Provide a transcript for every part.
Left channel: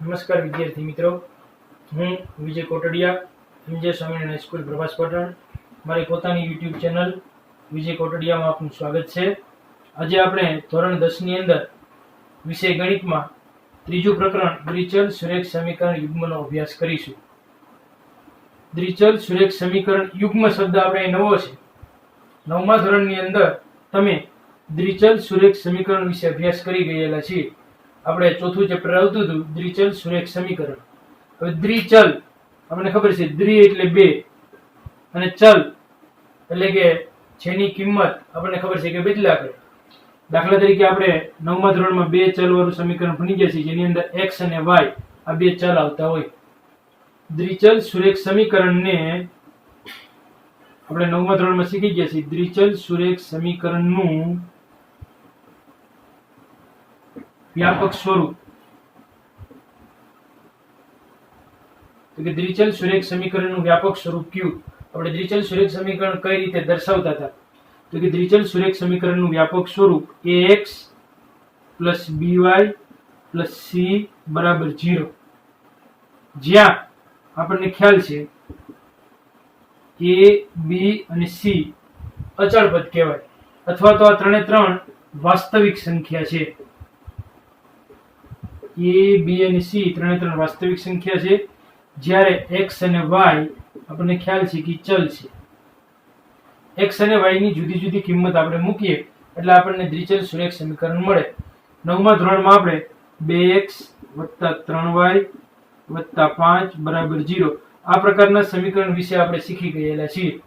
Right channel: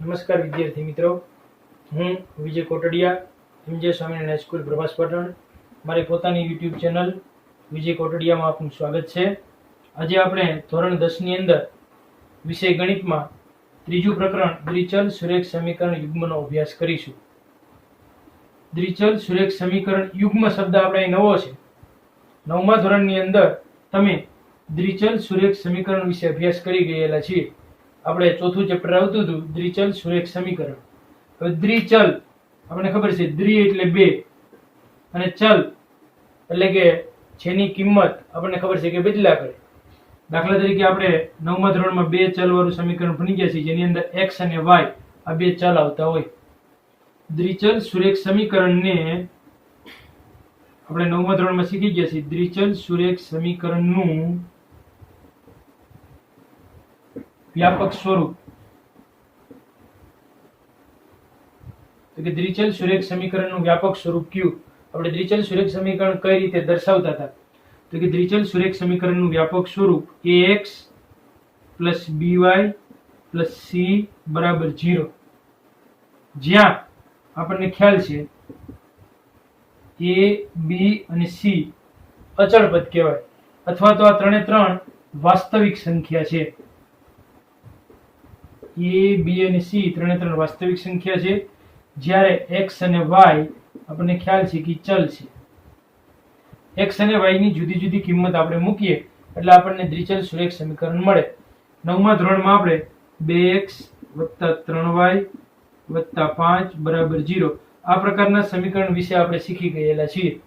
નમસ્કાર વિદ્યાર્થી મિત્રો, હું વિજય કોટડિયા, એમજે સ્વામિનારાયણ હાઈસ્કૂલ પ્રભાસ પાટણ. મારી પોતાની યુટ્યુબ ચેનલ વિજય કોટડિયામાં આપનું સ્વાગત છે. આજે આપણે ધોરણ 10 ની અંદર વિષય ગણિતમાં ત્રીજું પ્રકરણ દ્વિચલ સુરેખ સમીકરણ યુગ્મનો અભ્યાસ કરીશું. દ્વિચલ સુરેખ સમીકરણ યુગ્મ શબ્દ આપણે નવો છે. 9મા ધોરણની અંદર તમે દ્વિચલ સુરેખ સમીકરણ વિશે અભ્યાસ કરી ગયેલા છીએ. આપણે ચોથું ચેપ્ટર આવતું હતું દ્વિચલ સુરેખ સમીકરણ. હવે દ્વિચલ આપણને ખબર છે, દ્વિ એટલે બે અને ચલ એટલે કે જેની કિંમત આપણને ખબર છે કે બદલા કરે. દાખલા તરીકે આપણે 9મા ધોરણમાં બે ચલ વાળું સમીકરણ ભણી ગયા છીએ, જેની અંદર x અને y આ બે ચલ આવતા હોય. દ્વિચલ સુરેખ સમીકરણને આપણે 9મા ધોરણમાં શીખી ગયા છીએ. દ્વિચલ સુરેખ સમીકરણનું વ્યાપક સ્વરૂપ તો કે દ્વિચલ સુરેખ સમીકરણનું વ્યાપક સ્વરૂપ કયું? આપણે દ્વિચલ સુરેખ સમીકરણ કઈ રીતે દર્શાવતા હતા? તો કે દ્વિચલ સુરેખ સમીકરણનું વ્યાપક સ્વરૂપ ax + by + c = 0, જ્યાં આપણને ખ્યાલ છે a, b અને c અચળ પદ કહેવાય, અથવા તો આ ત્રણે ત્રણ વાસ્તવિક સંખ્યા છે. a, b અને c ત્રણે ત્રણ વાસ્તવિક સંખ્યા છે, જ્યારે x અને y આપણને ખ્યાલ છે કે ચલ છે. x અને y ની જુદી જુદી કિંમત આપણે મૂકીએ એટલે આપણને દ્વિચલ સુરેખ સમીકરણ મળે. 9મા ધોરણમાં આપણે 2x + 3y + 5 = 0 આ પ્રકારના સમીકરણ વિશે આપણે શીખી ગયેલા છીએ.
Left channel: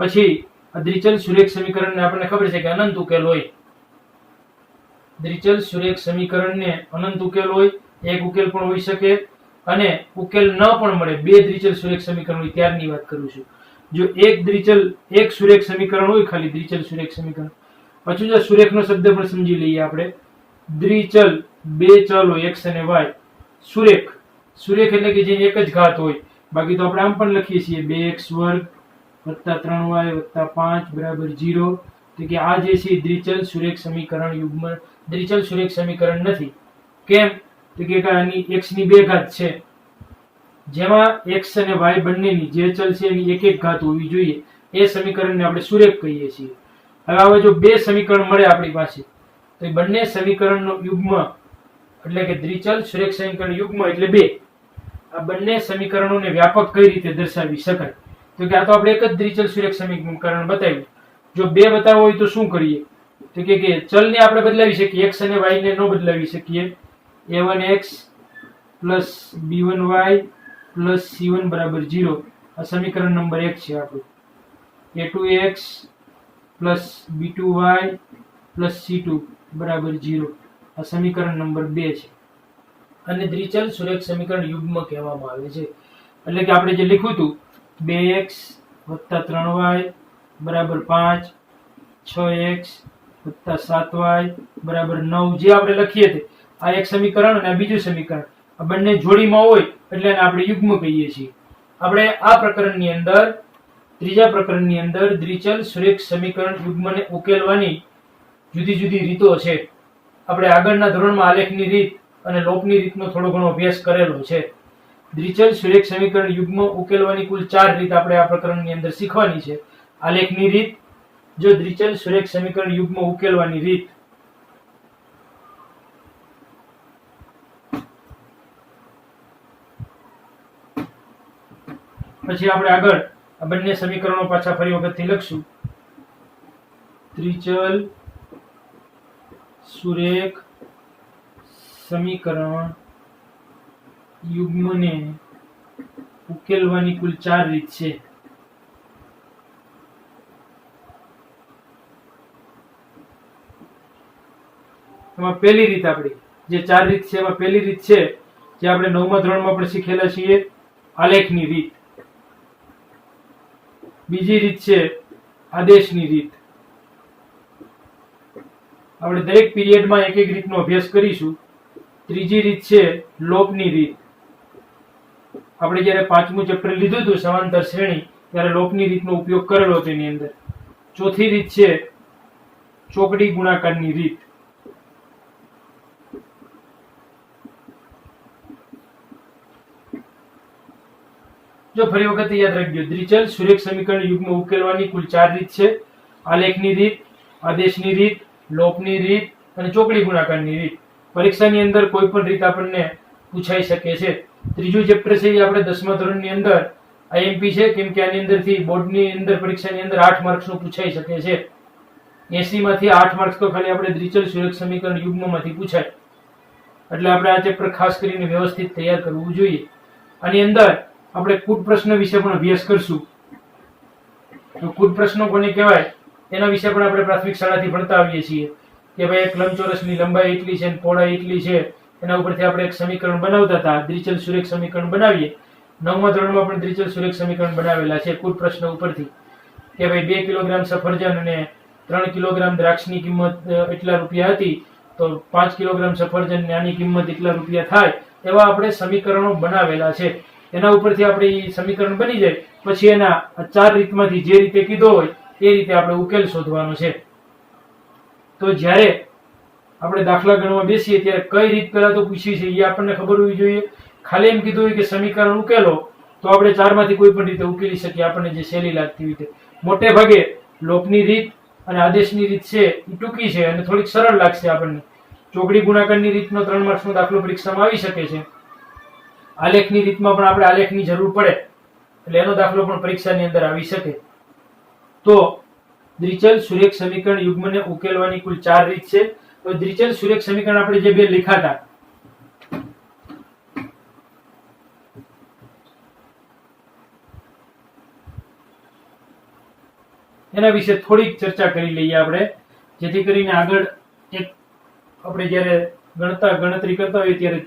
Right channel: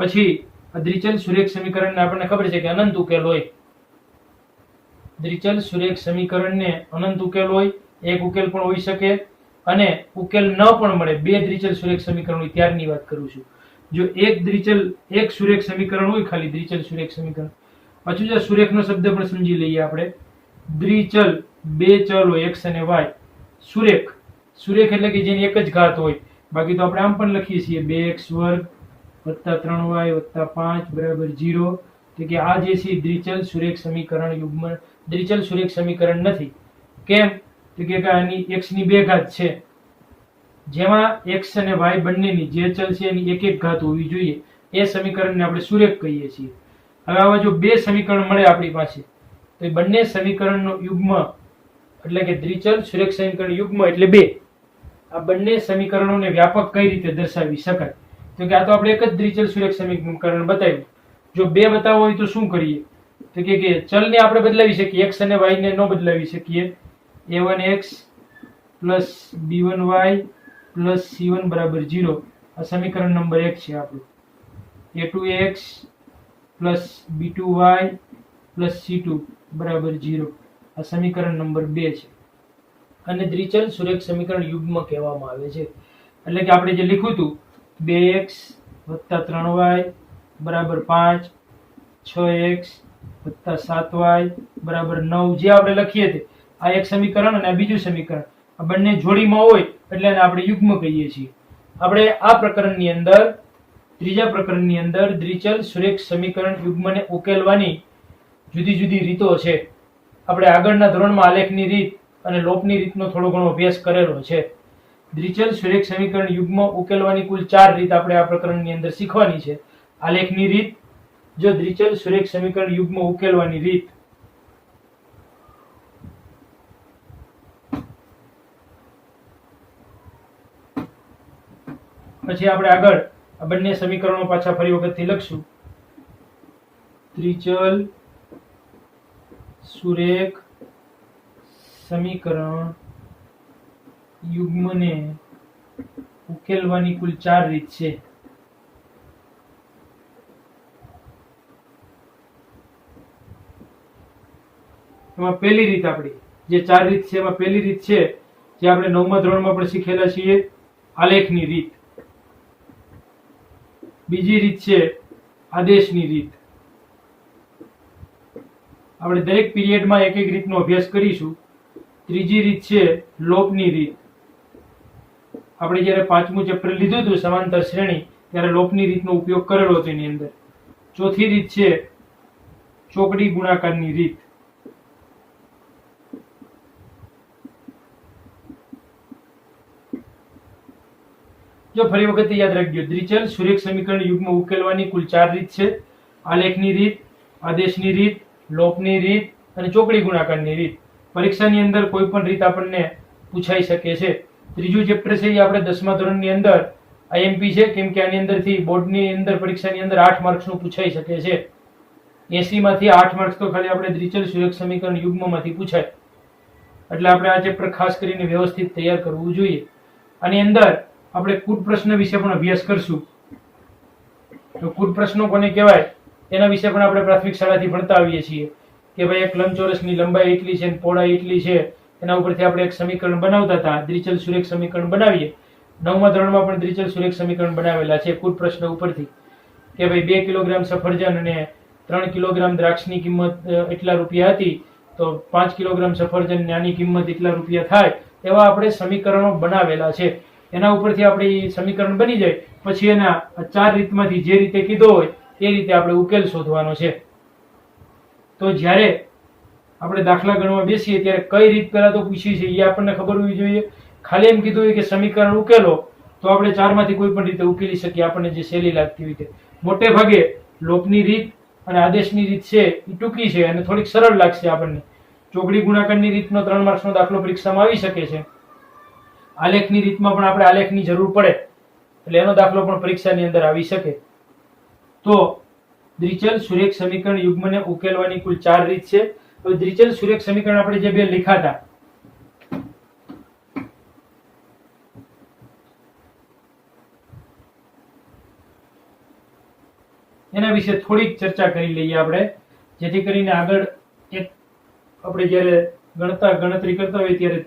પછી આ દ્વિચલ સુરેખ સમીકરણને આપણને ખબર છે કે અનંત ઉકેલ હોય. દ્વિચલ સુરેખ સમીકરણને અનંત ઉકેલ હોય, એક ઉકેલ પણ હોઈ શકે અને ઉકેલ ન પણ મળે. બે દ્વિચલ સુરેખ સમીકરણ હોય ત્યારની વાત કરું છું. જો એક સુરેખ સમીકરણ હોય, ખાલી દ્વિચલ સુરેખ સમીકરણ. પાછું જો સુરેખનો શબ્દ પણ સમજી લઈએ આપણે. દ્વિચલ બે ચલ હોય x અને y. સુરેખ એટલે કે જેની એક જ ઘાત હોય. બાકી તો આપણે આમ પણ લખીએ છીએ 2x² + 3y + 5 = 0. તો કે આ જે છે દ્વિચલ સુરેખ સમીકરણ યુગ્મ દ્વિચલ સુરેખ સમીકરણ નથી. કેમ? તો કે આની x ની બે ઘાત છે, જેમાં x અને y બંનેની જે ચલ છે એની એક એક ઘાત હોવી જોઈએ. એ સમીકરણને આપણે સુરેખ કહીએ છીએ. હવે આવા જો બે સમીકરણ મળે આપણી પાસે, તો એ બંને સમીકરણનો યુગ્મ એટલે કે દ્વિચલ સુરેખ સમીકરણ યુગ્મ એટલે બે. આ બંને સમીકરણોને વ્યાપક કઈ રીતે દર્શાવી શકાય? તો કે આ તો આપણે એક જ દ્વિચલ સુરેખ સમીકરણ બતાવ્યું. જો બે બતાવવા હોય તો શું કરીએ? તો કે ચલને આપણે બદલાવી શકીએ, x અને y ને ન બદલાવી શકીએ. a1x + b1y + c1 = 0 આ સમીકરણ નંબર 1 છે આપણું. a2x + b2y + c2 = 0 આ સમીકરણ નંબર 2 છે. અને દ્વિચલ સુરેખ સમીકરણ યુગ્મ કહેવામાં આવે છે. એટલે કે આપણે જે લખ્યું હતું 2x + 3y = 5, 6x + 7y = 9 જે આપણે લખીએ છીએ, આ એક સમીકરણ અને આ બીજું સમીકરણ, આ બંને જોડીમાં હોય એટલે એને આપણે યુગ્મ કહીએ છીએ. આપણે આ પ્રકરણની અંદર, ત્રીજા પ્રકરણની અંદર દ્વિચલ સુરેખ સમીકરણ યુગ્મને ઉકેલવાની જુદી જુદી રીતો છે. આપણે આગળના ધોરણમાં આલેખની રીત અને લોપની રીતનો થોડો ઘણો અભ્યાસ કરેલો છે. દ્વિચલ સુરેખ સમીકરણ યુગ્મ ઉકેલવાની કુલ 4 રીત આપણે આ પ્રકરણની અંદર શીખવાની છે. આલેખની રીત, જો દ્વિચલ સુરેખ સમીકરણ યુગ્મ ઉકેલવાની રીત. પછી આપણે આગળ આ બંને સમીકરણો પાછા ફરી વખતથી લખશું. દ્વિચલ સુરેખ સમીકરણ યુગ્મને ઉકેલવાની કુલ 4 રીત છે. એમાં પહેલી રીત આપણી જે 4 રીત છે, એમાં પહેલી રીત છે જે આપણે 9મા ધોરણમાં પણ શીખેલા છીએ, આલેખની રીત. બીજી રીત છે આદેશની રીત. આપણે દરેક પીરિયડમાં એક એક રીતનો અભ્યાસ કરીશું. ત્રીજી રીત છે લોપની રીત. આપણે જ્યારે 5મું ચેપ્ટર લીધું હતું સમાંતર શ્રેણી, ત્યારે લોપની રીતનો ઉપયોગ કરેલો તેની અંદર. ચોથી રીત છે ચોકડી ગુણાકારની રીત. જો ફરી વખત યાદ રાખજો, દ્વિચલ સુરેખ સમીકરણ યુગ્મ ઉકેલવાની કુલ 4 રીત છે. આલેખની રીત, આદેશની રીત, લોપની રીત અને ચોકડી ગુણાકારની રીત. પરીક્ષાની અંદર કોઈ પણ રીત આપણને પૂછાઈ શકે છે. ત્રીજું ચેપ્ટર છે એ આપણે 10મા ધોરણની અંદર આઈએમપી છે, કેમ કે આની અંદરથી બોર્ડની અંદર પરીક્ષાની અંદર 8 માર્ક્સનું પૂછાઈ શકે છે. 80 માંથી 8 માર્ક્સ તો ખાલી આપણે દ્વિચલ સુરેખ સમીકરણ યુગ્મમાંથી પૂછાય. એટલે આપણે આ ચેપ્ટર ખાસ કરીને વ્યવસ્થિત તૈયાર કરવું જોઈએ. આની અંદર આપણે કૂટ પ્રશ્ન વિશે પણ અભ્યાસ કરશું. તો કૂટ પ્રશ્નો કોને કહેવાય એના વિશે પણ આપણે પ્રાથમિક શાળાથી ભણતા આવીએ છીએ કે ભાઈ એક લંબચોરસની લંબાઈ એટલી છે અને પહોળાઈ એટલી છે, એના ઉપરથી આપણે એક સમીકરણ બનાવતા હતા, દ્વિચલ સુરેખ સમીકરણ બનાવીએ. 9મા ધોરણમાં પણ દ્વિચલ સુરેખ સમીકરણ બનાવેલા છે કૂટ પ્રશ્ન ઉપરથી કે ભાઈ 2 કિલોગ્રામ સફરજન અને 3 કિલોગ્રામ દ્રાક્ષની કિંમત એટલા રૂપિયા હતી, તો 5 કિલોગ્રામ સફરજન ને આની કિંમત એટલા રૂપિયા થાય, એવા આપણે સમીકરણો બનાવેલા છે. એના ઉપરથી આપણી સમીકરણ બની જાય પછી એના 4 રીતમાંથી જે રીતે કીધો હોય એ રીતે આપણે ઉકેલ શોધવાનો છે. તો જ્યારે આપણે દાખલા ગણવા બેસીએ ત્યારે કઈ રીત પહેલા તો પૂછી છે એ આપણને ખબર હોવી જોઈએ. ખાલી એમ કીધું હોય કે સમીકરણ ઉકેલો તો આપણે 4 માંથી કોઈ પણ રીતે ઉકેલી શકીએ, આપણને જે સહેલી લાગતી હોય તે. મોટે ભાગે લોપની રીત અને આદેશની રીત છે એ ટૂંકી છે અને થોડીક સરળ લાગશે આપણને. ચોકડી ગુણાકારની રીતનો 3 માર્ક્સનો દાખલો પરીક્ષામાં આવી શકે છે. આલેખની રીતમાં પણ આપણે આલેખની જરૂર પડે એટલે એનો દાખલો પણ પરીક્ષાની અંદર આવી શકે. તો દ્વિચલ સુરેખ સમીકરણ યુગ્મને ઉકેલવાની કુલ 4 રીત છે. તો દ્વિચલ સુરેખ સમીકરણ આપણે જે બે લખાતા એના વિશે થોડીક ચર્ચા કરી લઈએ આપણે, જેથી કરીને આગળ એક આપણે જ્યારે ગણતરી કરતા હોય ત્યારે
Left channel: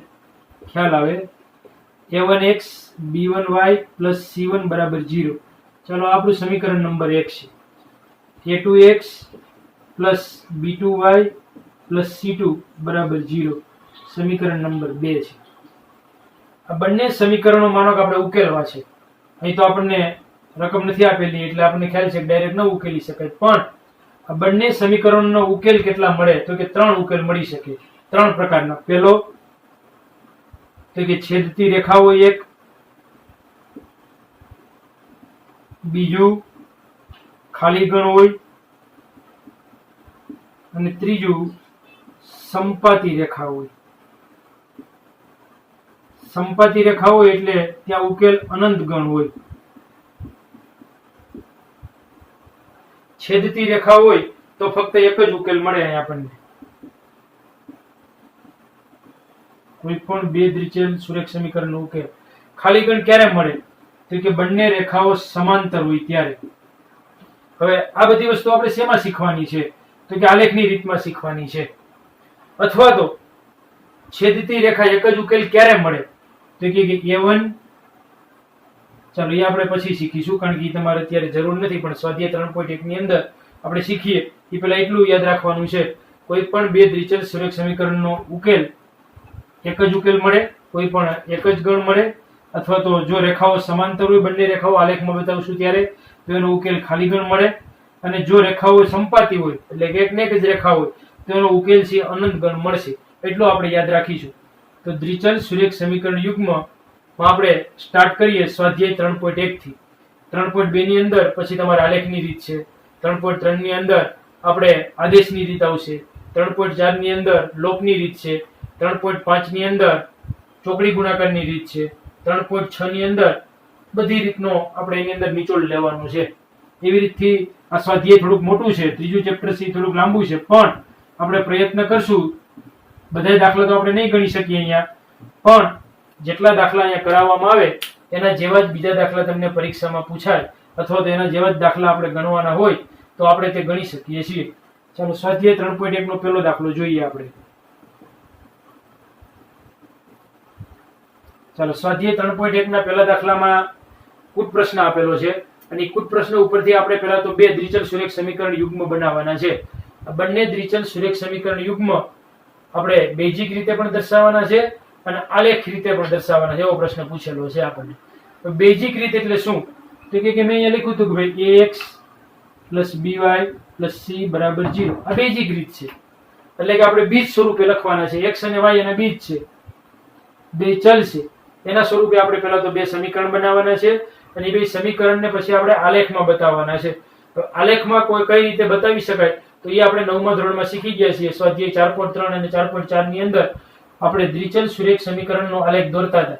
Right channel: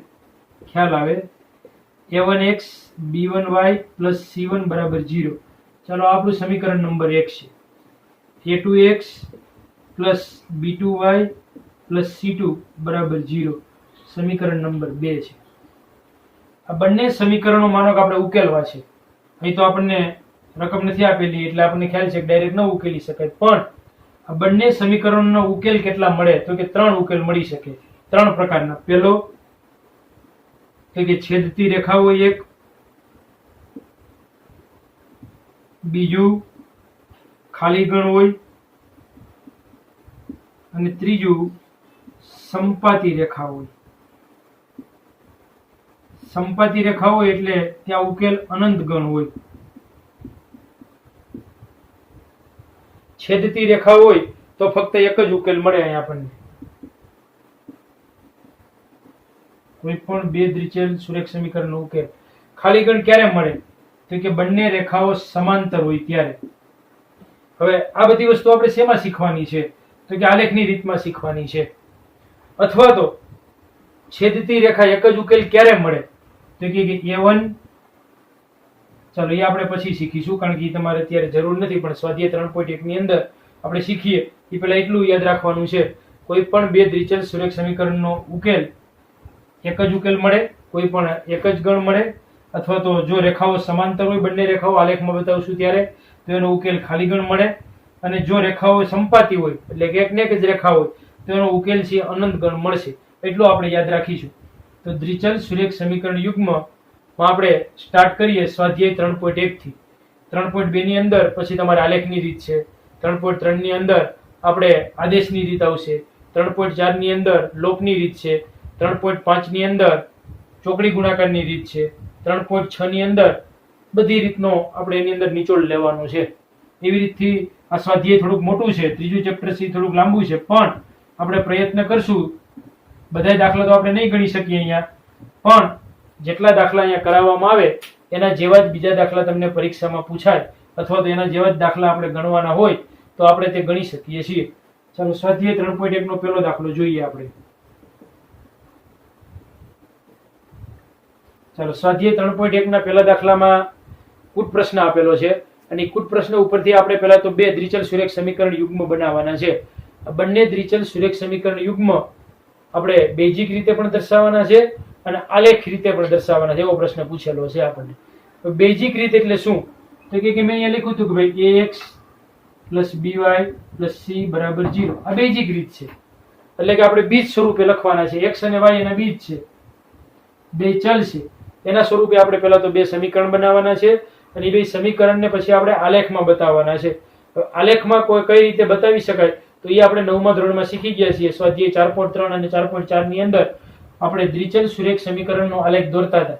ખ્યાલ આવે. a1x b1y + c1 = 0. ચાલો આપણું સમીકરણ નંબર 1 છે. a2x + b2y + c2 = 0 સમીકરણ નંબર 2 છે. આ બંને સમીકરણો માનો કે આપણે ઉકેલવા છે. અહીં તો આપણને રકમ નથી આપેલી એટલે આપણને ખ્યાલ છે કે ડાયરેક્ટ ન ઉકેલી શકાય, પણ આ બંને સમીકરણોનો ઉકેલ કેટલા મળે તો કે 3 ઉકેલ મળી શકે, 3 પ્રકારના. પહેલો તો કે છેદતી રેખા હોય એક, બીજું ખાલી ગણ હોય અને ત્રીજું સંપાતી રેખા હોય. સંપાતી રેખા હોય એટલે ત્યાં ઉકેલ અનંત ગણ હોય. છેદતી રેખા હોય તો ફક્ત એક જ ઉકેલ મળે અહીં આપણને. કોઈ પણ બે દ્વિચલ સુરેખ સમીકરણનો ઉકેલ. ખાલી ગણ ક્યારે મળે તો કે બંને રેખાઓ સમાંતર હોય ત્યારે. હવે આ બધી વસ્તુ આપણે શેમાં શીખવાની છે તો કે આલેખની રીતમાં શીખવાની છે. અથવા તો છેદતી રેખા એક જ ઉકેલ ક્યારે મળે તો કે a1, ચાલો એ આપણે પછી શીખીશું કારણ કે તમારે અત્યારે જરૂર નથી, પણ સ્વાધ્યાય 3.1 ની અંદર આપણે શીખીએ એ પહેલા એટલું યાદ રાખવાનું છે, કોઈ પણ બે દ્વિચલ સુરેખ સમીકરણનો ઉકેલ એક જ ઉકેલ મળે, કોઈ પણ એક જ ગણ મળે, અથવા તો જો રેખાઓ સમાંતર હોય બંને રેખાઓ આલેખમાં બતાવશું ત્યારે તો એનો ઉકેલ ખાલી ગણ મળે, અને જો રેખાઓ સંપાતી હોય એટલે કે એક ને એક જ રેખા હોય તો એનો ઉકેલ છે અનંત ગણ મળશે. એટલું આપણે યાદ રાખીશું. તો દ્વિચલ સુરેખ સમીકરણ યુગ્મ આપણે સ્ટાર્ટ કરીએ સ્વાધ્યાય 3.1 થી. 3.2 ની અંદર પછી તમારે આલેખની રીત છે, 3.3 ની અંદર આપણે આદેશની રીત આવશે, 3.4 ની અંદર લોપની રીત છે, 3.5 ની અંદર ચોકડી ગુણાકારની રીત છે, 3.6 ની અંદર બધી રીતનો આપણે એની અંદર નિચોડ લેવાનો છે. એવી રીતથી આ સ્વાધ્યાય થોડુંક મોટું છે, ત્રીજું ચેપ્ટર છે થોડુંક લાંબુ છે, પણ આપણે પ્રયત્ન કરશું. બધા દાખલા તો આપણે નહીં ગણી શકીએ અહીંયા, પણ જેટલા દાખલા અહીંયા કરાવવામાં આવે એના જેવા જ બીજા દાખલા તમને પરીક્ષામાં પૂછાય અથવા તો એના જેવા જ દાખલા આપણે ગણવાના હોય તો આપણે તે ગણી શકીએ છીએ. ચાલો સ્વાધ્યાય 3.1 નો પહેલો દાખલો જોઈએ આપણે. ચાલો સ્વાધ્યાય 3.1 ના પહેલા દાખલામાં કૂટ પ્રશ્ન આપેલો છે અને કૂટ પ્રશ્ન ઉપરથી આપણે પહેલા તો બે દ્વિચલ સુરેખ સમીકરણ યુગ્મ બનાવવાના છે. બંને દ્વિચલ સુરેખ સમીકરણ યુગ્મ આપણે બેઝિક રીતે પણ દર્શાવવાના છે અને આલેખ રીતે પણ દર્શાવવાના છે. એવો પ્રશ્ન પૂછેલો છે આપણને. તો બેઝિક રીત એટલે શું તો કે મેં અહીંયા લખ્યું હતું કે ભાઈ ax + by + c = 0. આ બેઝિક રીત છે, એટલે કે આપણે બીજ સ્વરૂપે લખવાના છે. x અને y એના બીજ છે, બે ચલ છે, એના સ્વરૂપે આપણે પહેલા તો બે સમીકરણ બનાવવાના છે અને એ બે સમીકરણને પછી આપણે આલેખમાં બતાવવાના છે. આલેખમાં કોઈ કઈ રીતે બતાવી શકાય તો એ આપણે 9મા ધોરણમાં શીખી ગયા છીએ. સ્વાધ્યાય 4.3 અને 4.4 ની અંદર આપણે દ્વિચલ સુરેખ સમીકરણનો આલેખ દોરતા હતા.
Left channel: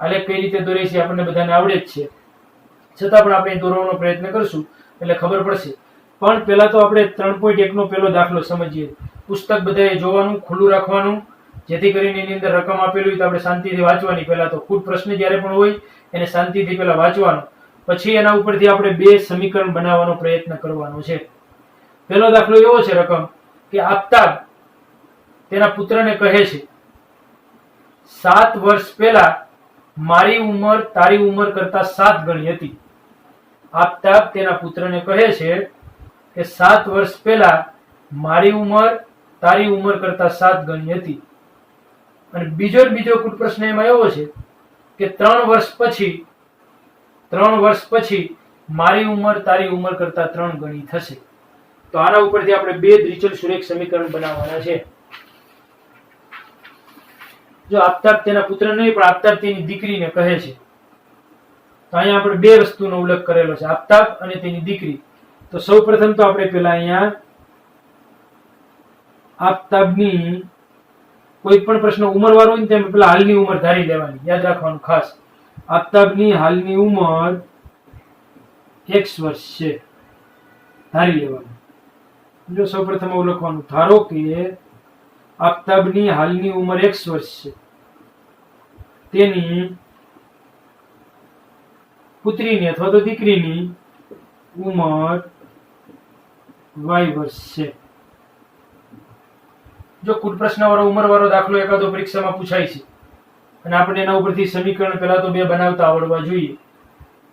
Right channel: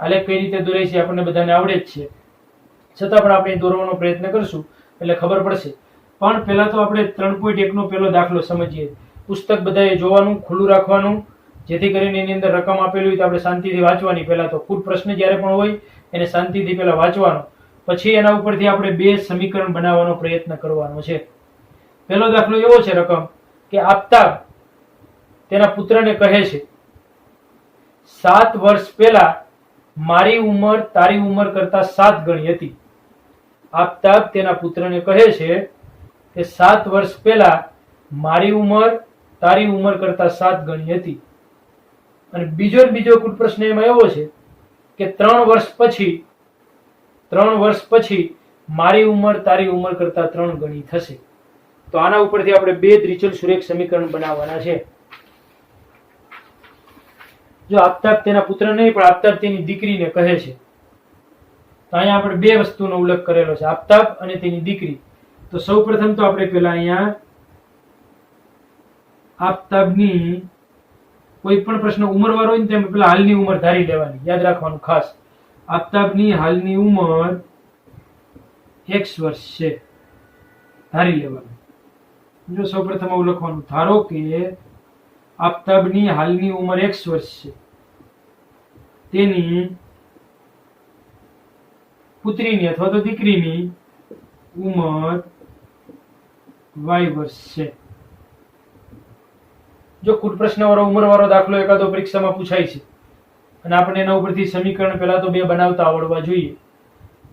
આલેખ કઈ રીતે દોરે છે આપણને બધાને આવડે જ છે, છતાં પણ આપણે દોરવાનો પ્રયત્ન કરશું એટલે ખબર પડશે. પણ પહેલા તો આપણે 3.1 નો પહેલો દાખલો સમજીએ. પુસ્તક બધાએ જોવાનું, ખુલ્લું રાખવાનું, જેથી કરીને એની અંદર રકમ આપેલી હોય તો આપણે શાંતિથી વાંચવાની. પહેલા તો ખુદ પ્રશ્ન જ્યારે પણ હોય એને શાંતિથી પહેલા વાંચવાનો, પછી એના ઉપરથી આપણે બે સમીકરણ બનાવવાનો પ્રયત્ન કરવાનો છે. પહેલો દાખલો એવો છે રકમ કે આફતાબ તેના પુત્રને કહે છે 7 વર્ષ પહેલા મારી ઉંમર તારી ઉંમર કરતા 7 ગણી હતી. આફતાબ તેના પુત્રને કહે છે કે 7 વર્ષ પહેલા મારી ઉંમર તારી ઉંમર કરતા 7 ગણી હતી. અને બીજો કુલ પ્રશ્ન એમાં એવો છે કે 3 વર્ષ પછી મારી ઉંમર તારી ઉંમર કરતા 3 ગણી થશે. તો આના ઉપરથી આપણે બે દ્વિચલ સુરેખ સમીકરણ બનાવવાના છે. જો આફતાબ તેના પુત્ર નહીં પણ આફતાબ તેની દીકરીને કહે છે, તો અહીંયા આપણે બે વસ્તુનો ઉલ્લેખ કરેલો છે, આફતાબ અને તેની દીકરી. તો સૌપ્રથમ તો આપણે પેલા અહીંયા આફતાબની કોઈ પણ પ્રશ્ન ઉંમર વાળો હોય ને તેમાં પેલા હાલની ઉંમર ધારી લેવાની, યાદ રાખવાનું ખાસ. આફતાબની હાલની ઉંમર x વર્ષ છે, ધારી લેવાની. જો સૌપ્રથમ આવું લખવાનું, ધારો કે આફતાબની હાલની ઉંમર x વર્ષ છે, તેની પુત્રીની અથવા તો દીકરીની ઉંમર y વર્ષ છે. જો કુલ પ્રશ્ન વાળો ઉંમર વાળો દાખલો એકાદો પરીક્ષામાં પૂછાય છે અને આપણે એના ઉપરથી સમીકરણ પહેલા તો બે બનાવતા આવડવા જોઈએ.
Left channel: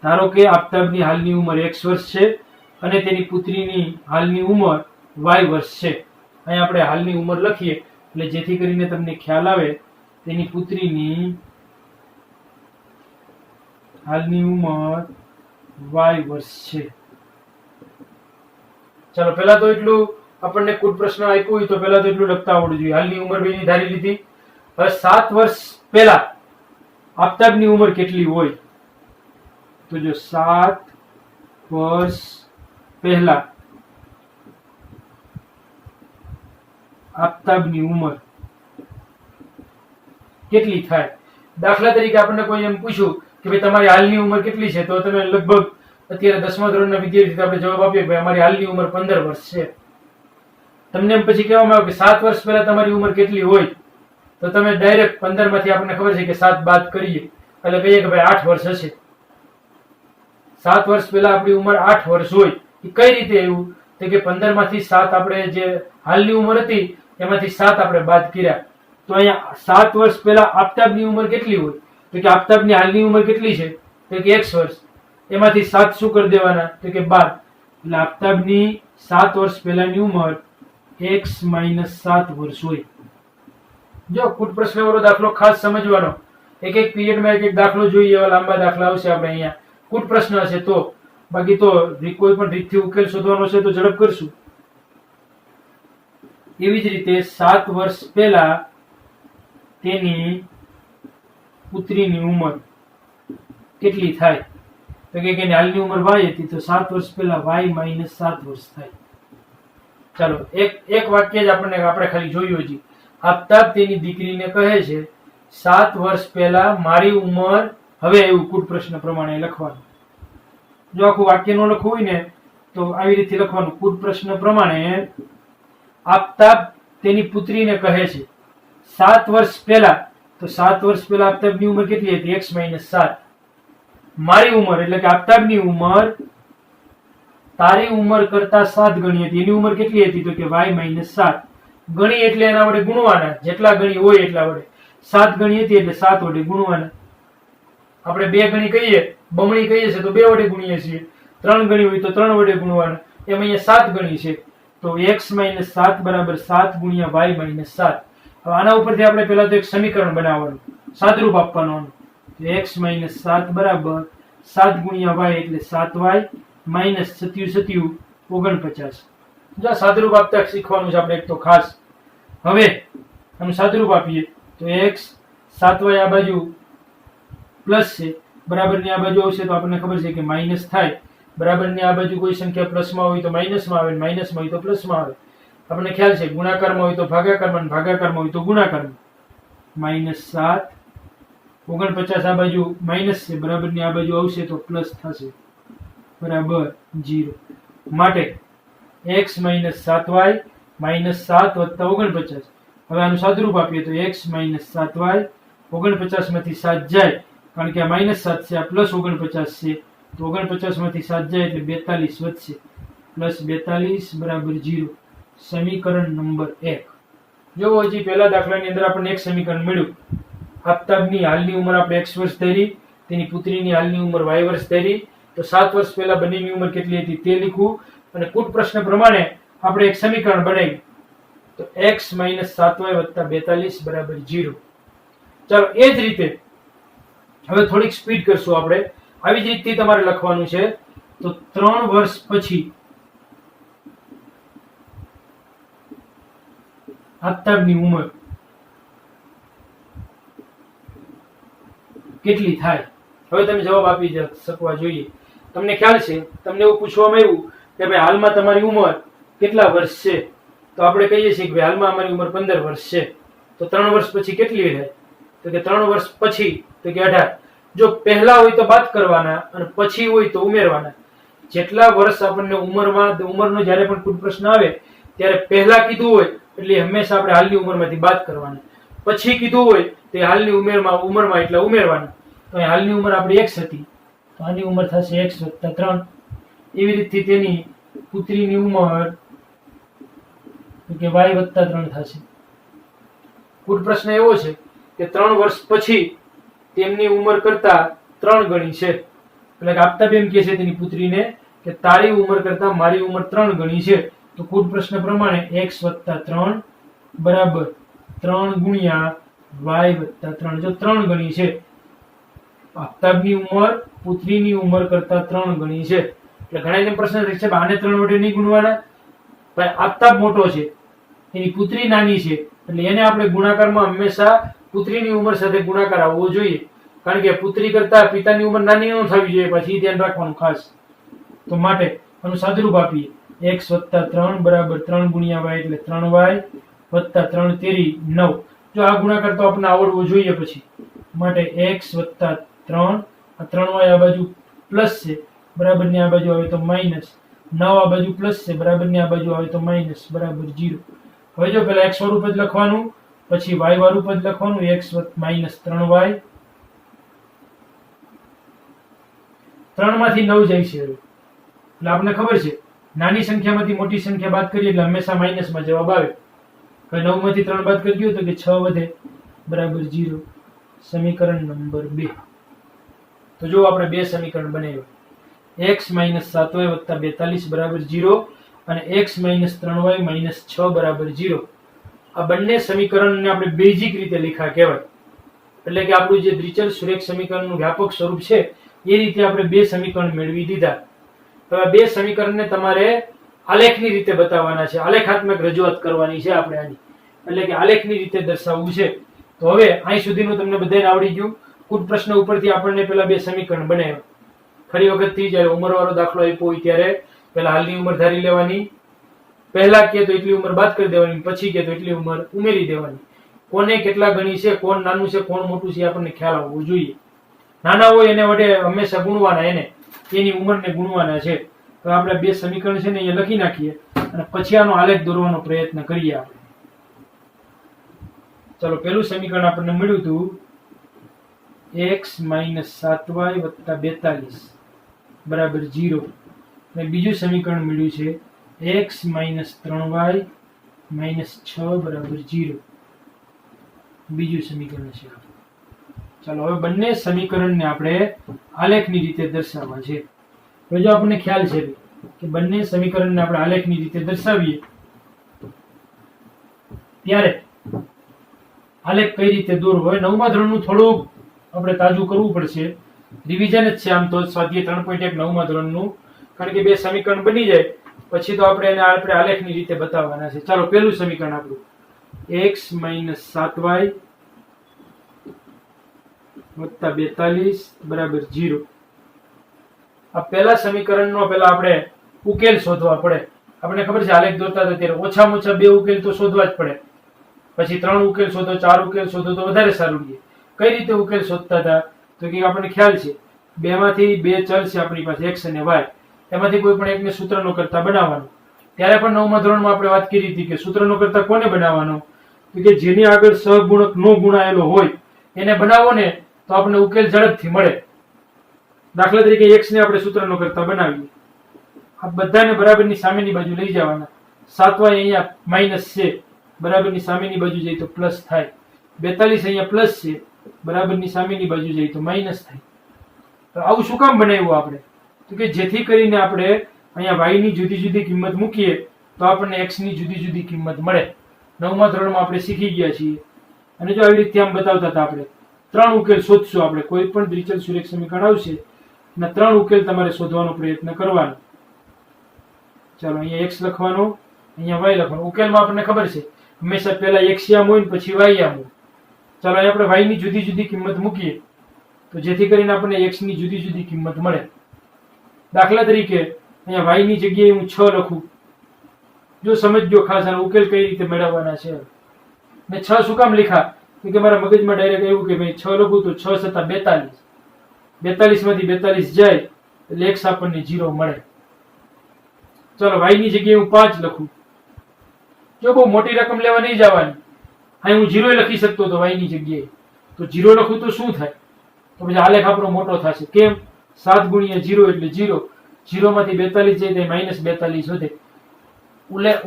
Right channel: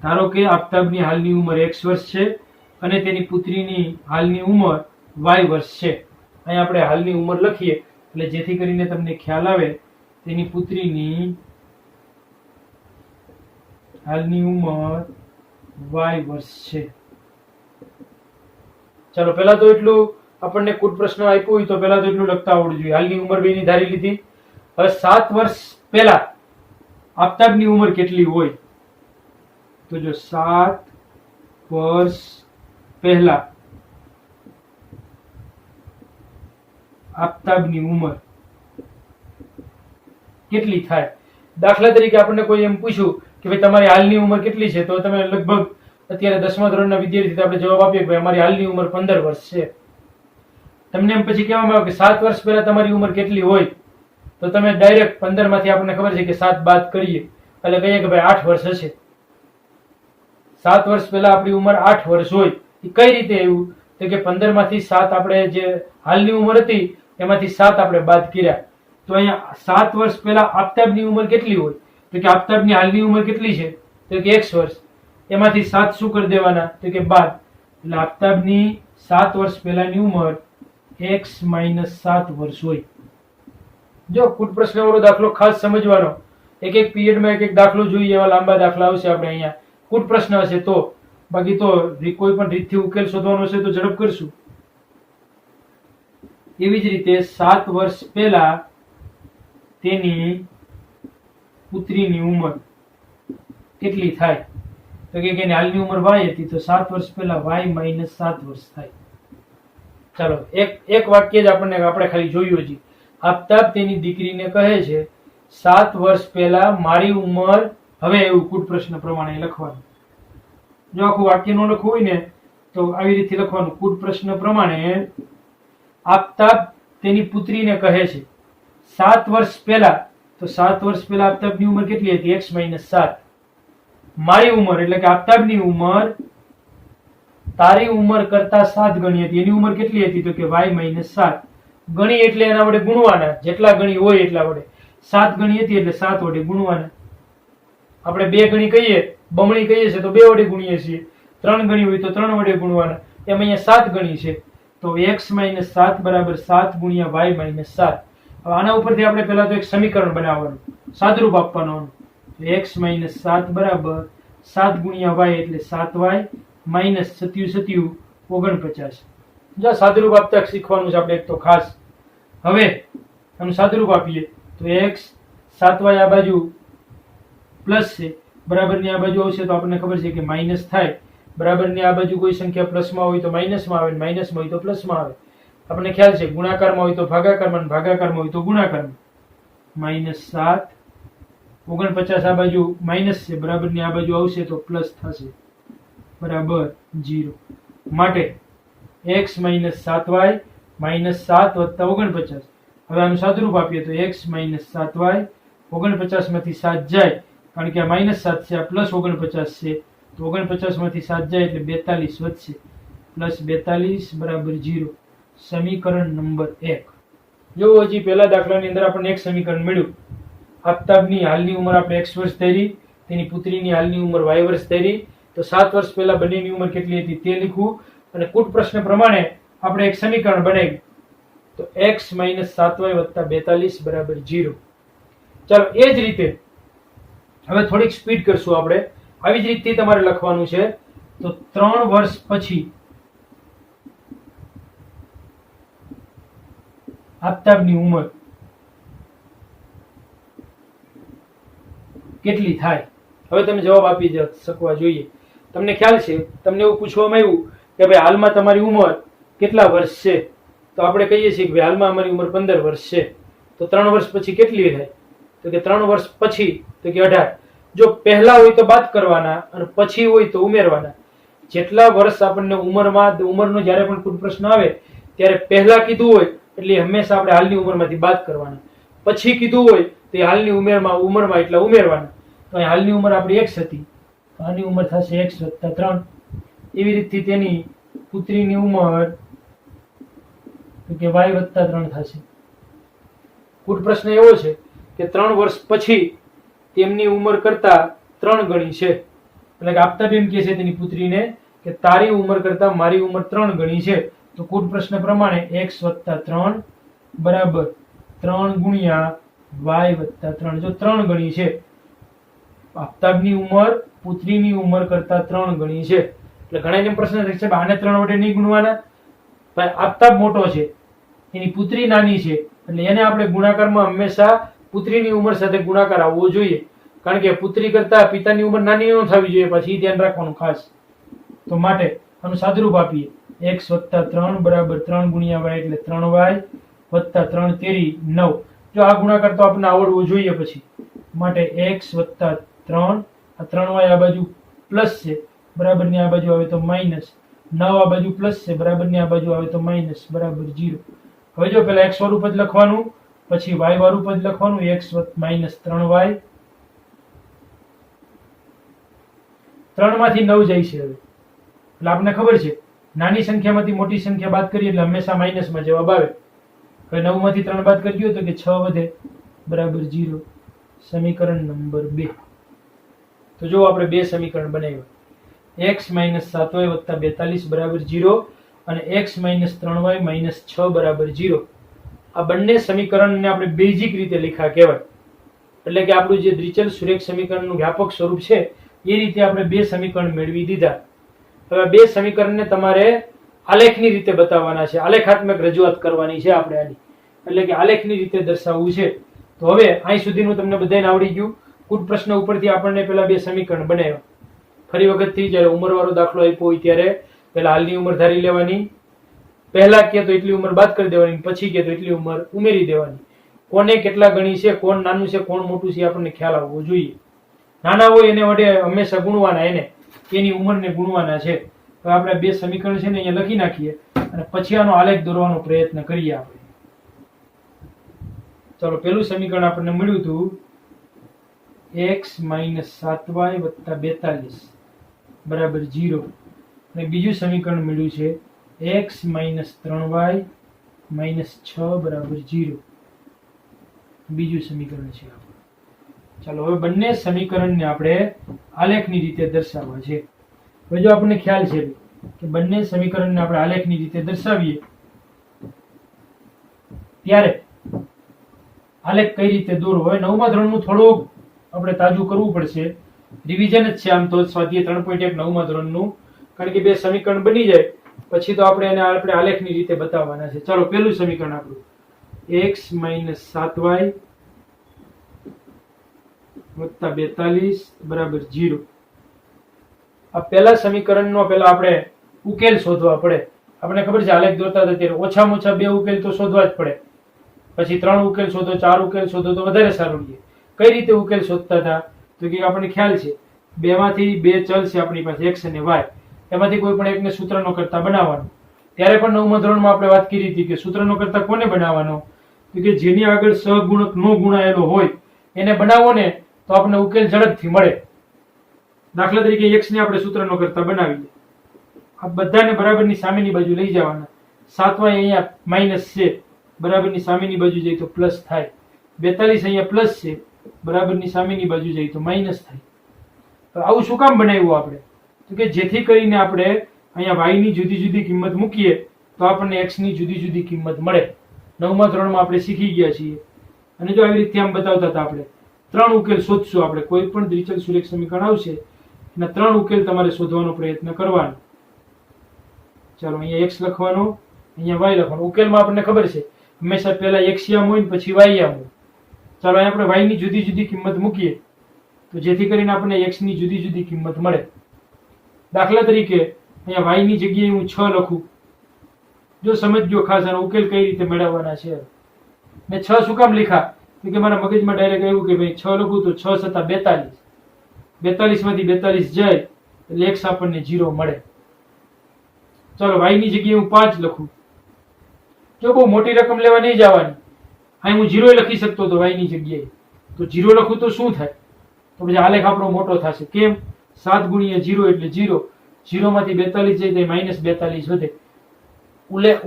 ધારો કે આફતાબની હાલની ઉંમર x વર્ષ છે અને તેની પુત્રીની હાલની ઉંમર y વર્ષ છે. અહીં આપણે હાલની ઉંમર લખીએ એટલે જેથી કરીને તમને ખ્યાલ આવે. તેની પુત્રીની હાલની ઉંમર y વર્ષ છે. ચલો પહેલા તો એટલું આપણને કુલ પ્રશ્ન આપ્યો હોય તો પહેલા તો એટલું લખતા આવડવું જોઈએ. હાલની ઉંમર બેની ધારી લીધી. હવે 7 વર્ષ પહેલા આફતાબની ઉંમર કેટલી હોય તો જો 7 વર્ષ પહેલા આફતાબની ઉંમર કેટલી થાય. દાખલા તરીકે આપણને કોઈ એમ પૂછ્યું કે ભાઈ તમારી હાલની ઉંમર કેટલી છે, તો તમે લગભગ અત્યારે 10મા ધોરણના વિદ્યાર્થી આપણે જવાબ આપીએ કે ભાઈ અમારી હાલની ઉંમર 15 વર્ષ છે. તમને એમ પછી કહેવામાં આવે કે 7 વર્ષ પહેલા તમારી ઉંમર કેટલી હોય, તો તમે ડાયરેક્ટ 15 માંથી આપણને ખબર છે કે 7 બાદ કરીએ એટલે કહીએ કે ભાઈ 8 વર્ષ હશે. 7 વર્ષ પહેલા આપણી ઉંમર 8 વર્ષ હોય. એ કઈ રીતે એવું તો કે 15 માંથી 7 આપણે જે હાલની ઉંમર હતી એમાંથી 7 આપણે બાદ કર્યા. તો અહીંયા 7 વર્ષ પહેલા આફતાબની ઉંમર કેટલી હોય તો કે આફતાબની હાલની ઉંમર કેટલી છે તો કે x વર્ષ, એમાંથી 7 શું કરી દેવાના તો કે બાદ. એટલે આફતાબની 7 વર્ષ પહેલાની ઉંમર x - 7 વર્ષ હોય. જો કુલ પ્રશ્ન વાળો દાખલો ખાસ સમજવાનો, એક એક પીરિયડમાં એક એક દાખલો જોઈએ, એવા લાંબા દાખલા આવશે આપણે અહીંયા. કુલ પ્રશ્ન હશે તો, બાકી તો કોઈ પણ રીતથી ઉકેલ શોધવાનો છે તો ઝડપ કરશું. એવી જ રીતે 7 વર્ષ પહેલા તેની પુત્રીની ઉંમર કેટલી થાય તો કે એની હાલની ઉંમર y હતી, તો 7 વર્ષ પહેલા y - 7 વર્ષ થાય. ચાલો એક વાક્ય જ આપણે ખાલી જોયું હજી. આફતાબ તેની દીકરીને કહે છે 7 વર્ષ પહેલા મારી ઉંમર, હવે એવું કુલ પ્રશ્ન પ્રમાણે લખવાનું. જો આખું વાક્ય નો લખવું હોય ને તો આવી રીતે લખવાનું. કુલ પ્રશ્ન પ્રમાણે આફતાબ તેની પુત્રીને કહે છે 7 વર્ષ પહેલા, તો 7 વર્ષ પહેલા આફતાબની ઉંમર કેટલી હતી x - 7. મારી ઉંમર એટલે કે આફતાબની ઉંમર તારી ઉંમર કરતા 7 ગણી હતી. એની ઉંમર કેટલી હતી તો કે y - 7. ગણી એટલે એના વડે ગુણવાના, જેટલા ગણી હોય એટલા વડે. 7 ગણી હતી એટલે 7 વડે ગુણવાના. આપણે 2 ગણી કહીએ, બમણી કહીએ છીએ તો 2 વડે ગુણીએ છીએ. 3 ગણી હોય તો 3 વડે ગુણવાના. એમ અહીંયા 7 ગણી છે તો x - 7 બરાબર 7 ગુણ્યા y - 7. હવે આના ઉપરથી આપણે પહેલા તો એક સમીકરણ બનાવવાનું, સાદરૂપ આપવાનું. x - 7 બરાબર 7 ગુણ્યા y એટલે 7y - 7 49. જો સાદરૂપ આપતા શીખવાનું છે આપણે એક તો ખાસ. હવે આનું સાદરૂપ આપીએ તો x 7y આ બાજુ પ્લસ છે, બરાબરની આ બાજુ આવશે તો આપણને ખબર છે કે માઇનસ થાય. બરાબરની આ બાજુ કોઈ સંખ્યા પ્લસમાં હોય તો માઇનસમાં આવે, માઇનસમાં હોય તો પ્લસમાં આવે. આપણને ખ્યાલ છે ગુણાકારમાં હોય તો ભાગાકારમાં, ભાગાકારમાં હોય તો ગુણાકારમાં. -7 49 આ બાજુ માઇનસ છે, બરાબરની આ બાજુ આવશે તો પ્લસ થશે, બરાબર 0. માટે x - 7y -7 + 49. હવે આનું સાદુરૂપ આપીએ તો x - 7y 49 માંથી 7 જાય, કારણ કે આ -7 છે, આ +49 છે, તો 49 માંથી 7 જાય એટલે 42 વધશે, +42 = 0. સમીકરણ નંબર 1. જો હજી પહેલા દાખલાની અંદર આપણને એક સમીકરણ મળ્યું. આફતાબની હાલની ઉંમર આપણે x વર્ષ ધરી, તેની પુત્રીની હાલની ઉંમર y વર્ષ ધરી, તો 7 વર્ષ પહેલા બંનેની ઉંમર કેટલી હતી તે લીખવું અને કૂટ પ્રશ્ન પ્રમાણે આપણે એક સમીકરણ બનાવ્યું. તો x - 7y + 42 = 0. ચાલો એ જ રીતે હવે થોડીક સ્પીડ કરશું આપણે. આવી જ રીતે તમારે લખવાનું છે. તો 3 વર્ષ પછી આફતાબની ઉંમર કેટલી થાય? હવે તમે જવાબ આપી શકવા જોઈએ. તમને ખ્યાલ છે, તમને એવું પૂછવામાં આવ્યું કે ભાઈ હાલમાં તમારી ઉંમર કેટલા વર્ષ છે, તો આપણે કહીએ છીએ કે ભાઈ હાલમાં અમારી ઉંમર 15 વર્ષ છે. તો 3 વર્ષ પછી કેટલી થાય? તો કે 3 વર્ષ પછી તો કે 18. જો પહેલા હોય તો બાદ કરવાના અને પછી હોય તો ઉમેરવાના. જેટલા વર્ષ આપણને ઉંમરનો જ્યારે પણ કોઈ પ્રશ્ન આવે ત્યારે પહેલા કીધું હોય એટલે હંમેશા આપણે હાલની ઉંમરમાંથી બાદ કરવાના, પછી કીધું હોય તે હાલની ઉંમરમાં એટલે ઉમેરવાના. તો અહીં હાલની ઉંમર આપણી x હતી, તો આની ઉંમર થશે x + 3. એવી રીતે તેની પુત્રીની ઉંમર કે y + 3 થશે. કુલ પ્રશ્ન એવો છે કે 3 વર્ષ પછી તેમની ઉંમર કરતા 3 ગણી છે. એટલે કે આફતાબ એમ કહે છે તેની પુત્રીને કે તારી ઉંમર કરતા મારી ઉંમર 3 ગણી છે. તો કુલ પ્રશ્ન પ્રમાણે x + 3 બરાબર 3 × y + 3. જો 3 ગણી છે, આફતાબની ઉંમર પુત્રીની ઉંમર કરતા 3 ગણી છે. એટલે ઘણા એમ પ્રશ્ન છે કે આને 3 વડે નહીં ગુણવાના, ભાઈ આફતાબ મોટો છે, એની પુત્રી નાની છે, એટલે એને આપણે ગુણાકારમાં હંમેશા પુત્રીની ઉંમર સાથે ગુણાકાર આવવો જોઈએ. કારણ કે પુત્રી કરતા પિતાની ઉંમર નાની ન થવી જોઈએ, પછી ધ્યાન રાખવાનું ખાસ. તો માટે આનું સાદુરૂપ આપીએ. x + 3 બરાબર 3 × y એટલે 3y + 3 તેરી 9. જો આ ગુણાકાર તો આપણને આવડવો જોઈએ પછી. માટે x + 3 આ 3y આ બાજુ પ્લસ છે, બરાબરની આ બાજુ આવે તો માઇનસ, 9 આ બાજુ પ્લસ છે, બરાબરની આ બાજુ આવે તો માઇનસ, બરાબર 0. હવે જો પેલા x વાળું પદ લખવાનું, પછી y વાળું પદ લખવાનું. x - 3y 3 માંથી 9 જાય છે. હવે એટલે આપણને ખબર છે નાની સંખ્યામાંથી મોટી સંખ્યા બાદ કરીએ એટલે હંમેશા માઇનસમાં જવાબ આવે. હવે 9 માંથી 3 બાદ કરજો તો કે 6 વધે, બરાબર 0. સમીકરણ નંબર 2. તો જો આપણે બે સમીકરણ બનાવ્યા. x - 7y + 42 બરાબર 0 અને x - 3y - 6 બરાબર 0. આ બંને સમીકરણને આપણે બેઝિક રીતે લખ્યા કહેવાય. એટલે કે આપણું જે દ્વિચલ-સુરેખ સમીકરણનું વ્યાપક સ્વરૂપ છે એ રીતે આપણે બે સમીકરણ મેળવી દીધા. હવે બે સમીકરણને તમારે આલેખની રીતે બતાવવાના છે, આલેખાત્મક રજૂઆત કરવાની છે આપણે આની. એટલે કે આલેખની રીતે દર્શાવવું છે. તો હવે અહીં સુધીનું તમને બધાને આવડી ગયું. કુટ પ્રશ્ન ઉપરથી આપણને પેલા બે સમીકરણ બનાવ્યા. ફરી વખતથી જ્યારે ઉંમરવાળો દાખલો આપ્યો હોય ત્યારે પેલા હાલની ઉંમર ધારી લેવાની, પહેલા કે તો એટલી ઉંમર બાદ કરી દેવાની, પછી કે તો એટલી ઉંમર ઉમેરી દેવાની. કોને કેટલા ગણી છે, કોણ નાનું છે, કોણ મોટું છે, આપણને ખ્યાલ આવવો જોઈએ. નાના હોય એને વડે હંમેશા ગુણવાના, એની ઉંમરને ગુણવાના છે. તો આપણે બે સમીકરણ છે ને અહીંયા લખી નાખીએ અને પછી આનો આલેખ દોરવાનો પ્રયત્ન કરીએ આપણે. ચલો, પેલું સમીકરણ આપણને મળ્યું હતું x - 7y + 42 બરાબર 0. અને બીજું સમીકરણ મળ્યું છે x - 3y - 6 બરાબર 0. બીજું સમીકરણ છે. ચાલો હવે બંને સમીકરણને આપણે આલેખની રીતે દર્શાવવા છે. હવે જો આપણને ખ્યાલ છે કે બંને સમીકરણને આપણે આલેખની રીતે દર્શાવીએ ત્યારે આલેખ કઈ રીતે દોરવો. હવે 9મા ધોરણનું થોડું આપણે તાજું કરવું પડશે, રિવિઝન જ છે આમ તો સ્વાધ્યાય 3.1 9મા ધોરણનું. કારણ કે બે સમીકરણ બની જાય પછી તો આપણે આલેખની રીતે બતાવવાના છે. ચાલો, પહેલું સમીકરણ આપણું x - 7y વત્તા 42 બરાબર 0. આ પહેલા સમીકરણનો પહેલા આપણે ઉકેલ શોધવા પડે. આપણે ખબર છે આલેખ દોરતા હતા ત્યારે ઓછામાં ઓછા 2 ઉકેલ તો શોધવા જ પડે. પછી 3 ઉકેલ શોધો, 4 ઉકેલ શોધો તો વધારે સારું રહે. કઈ રીતે ઉકેલ શોધતા હતા? તો કે આપણને ખ્યાલ છે બેમાંથી 2 ચલ છે આપણી પાસે x અને y. એમાંથી કોઈ પણ એકને સૂત્રનો કરતા બનાવવાનો. ત્યારે પણ 9મા ધોરણમાં આપણે વાત કરી હતી કે સૂત્રનો કરતા કોને બનાવવાનો? તો કે જેની આગળ સહગુણક નો ગુણાયેલો હોય એને બનાવો ને તો આપણને ઉકેલ ઝડપથી મળે. દાખલા તરીકે x ને આપણે સૂત્રનો કરતા બનાવીએ. આ બધાને બરાબરની સામેની બાજુ લઈ જવાના. 7y અહીંયા માઈનસ છે, બરાબરની સામેની બાજુ જઈએ તો પ્લસ થાય. 42 અહીંયા પ્લસ છે, બરાબરની સામેની બાજુ જઈએ તો માઈનસ થાય. તો આવું શું કામ બનાવ્યું આપણે? તો કે જેથી કરીને આપણે અહીંયા y ની જુદી જુદી કિંમત મૂકીએ તો આપણને x ની જુદી જુદી કિંમત મળે. 9મા ધોરણમાં આપણે શીખી ગયા છીએ. અને જો આવી રીતે આમ બતાવતા હતા આપણે 3 ઉકેલ શોધશું. આપણે કોઈ પણ દ્વિચલ સુરેખ સમીકરણ આવશે એના 3 ઉકેલ તમારે શોધવાનો પ્રયત્ન કરવાનો. ચાલો અહીંયા x લખવાનો, અહીંયા y લખવાનો. ઉકેલમાં આપણને ખબર છે હંમેશા પહેલા x આમ હોય ને પછી y આમ હોય. ચાલો અહીંયા આપણે y ની જુદી જુદી કિંમત મૂકીએ તો જેથી કરીને આપણને x ની જુદી જુદી કિંમત મળે. દાખલા તરીકે અહીંયા y ની જગ્યાએ હું 6 લખું. જો સમજજો ખાસ આનો ઉકેલ કઈ રીતે મેળવવાના છે. મેં 6 શું કામ લખ્યા? તો કે મારા મગજમાં ડાયરેક્ટ આવ્યું કે ભાઈ 6 લખું તો 6 × 42. 42 માંથી 42 જાય એટલે x આપણને 0 મળે. ચાલો y ની જગ્યાએ હું 5 લખું. જો બહુ મોટી રકમ લેવા નહીં જવાની. અહીં હું 0 લખી શકતો હતો y ની જગ્યાએ. તો 0 લખું તો શું થાય? તો પછી આલેખ આપણો મોટો થશે. કેમ? 7 × 0 એટલે 0. 0 માંથી 42 જાય તો -42 વધે.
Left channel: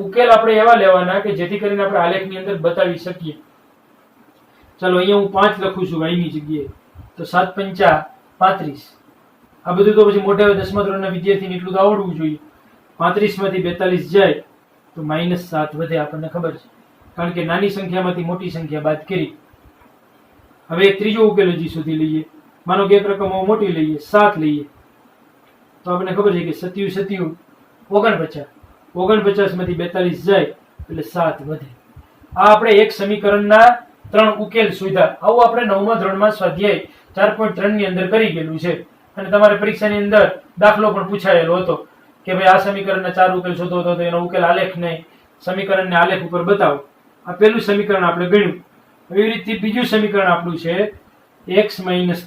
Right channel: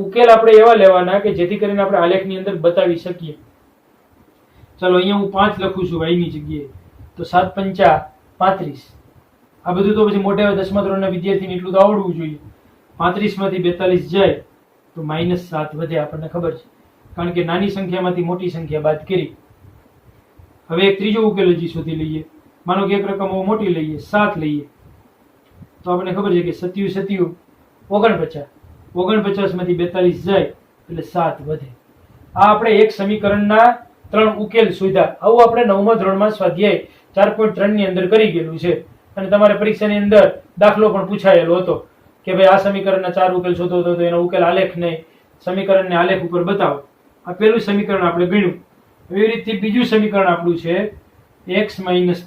ઉકેલ આપણે એવા લેવાના કે જેથી કરીને આપણે આલેખની અંદર બતાવી શકીએ. ચાલો અહીંયા હું 5 લખું છું y ની જગ્યાએ. તો 7 × 5 = 35. આ બધું તો પછી મોટા 10મા ધોરણના વિદ્યાર્થીને એટલું તો આવડવું જોઈએ. 35 માંથી 42 જાય તો -7 વધે. આપણને ખબર છે કારણ કે નાની સંખ્યામાંથી મોટી સંખ્યા બાદ કરી. હવે એક ત્રીજો ઉકેલ હજી શોધી લઈએ. માનો કે એક રકમ મોટી લઈએ, 7 લઈએ. તો આપણને ખબર છે કે 7 × 7 = 49. 49 માંથી 42 જાય એટલે 7 વધે. આ આપણે એક સમીકરણના 3 ઉકેલ શોધ્યા. આવું આપણે 9મા ધોરણમાં સ્વાધ્યાય 4.3 ની અંદર કરી ગયેલું છે. અને તમારે પરીક્ષાની અંદર દાખલો પણ પૂછાયેલો હતો કે ભાઈ આ સમીકરણના 4 ઉકેલ શોધો તો એનો ઉકેલ આલેખને સમીકરણને આલેખ ઉપર બતાવો. આ પહેલું સમીકરણ આપણે ગણ્યું. એવી રીતે બીજું સમીકરણ આપણું છે x - 3y -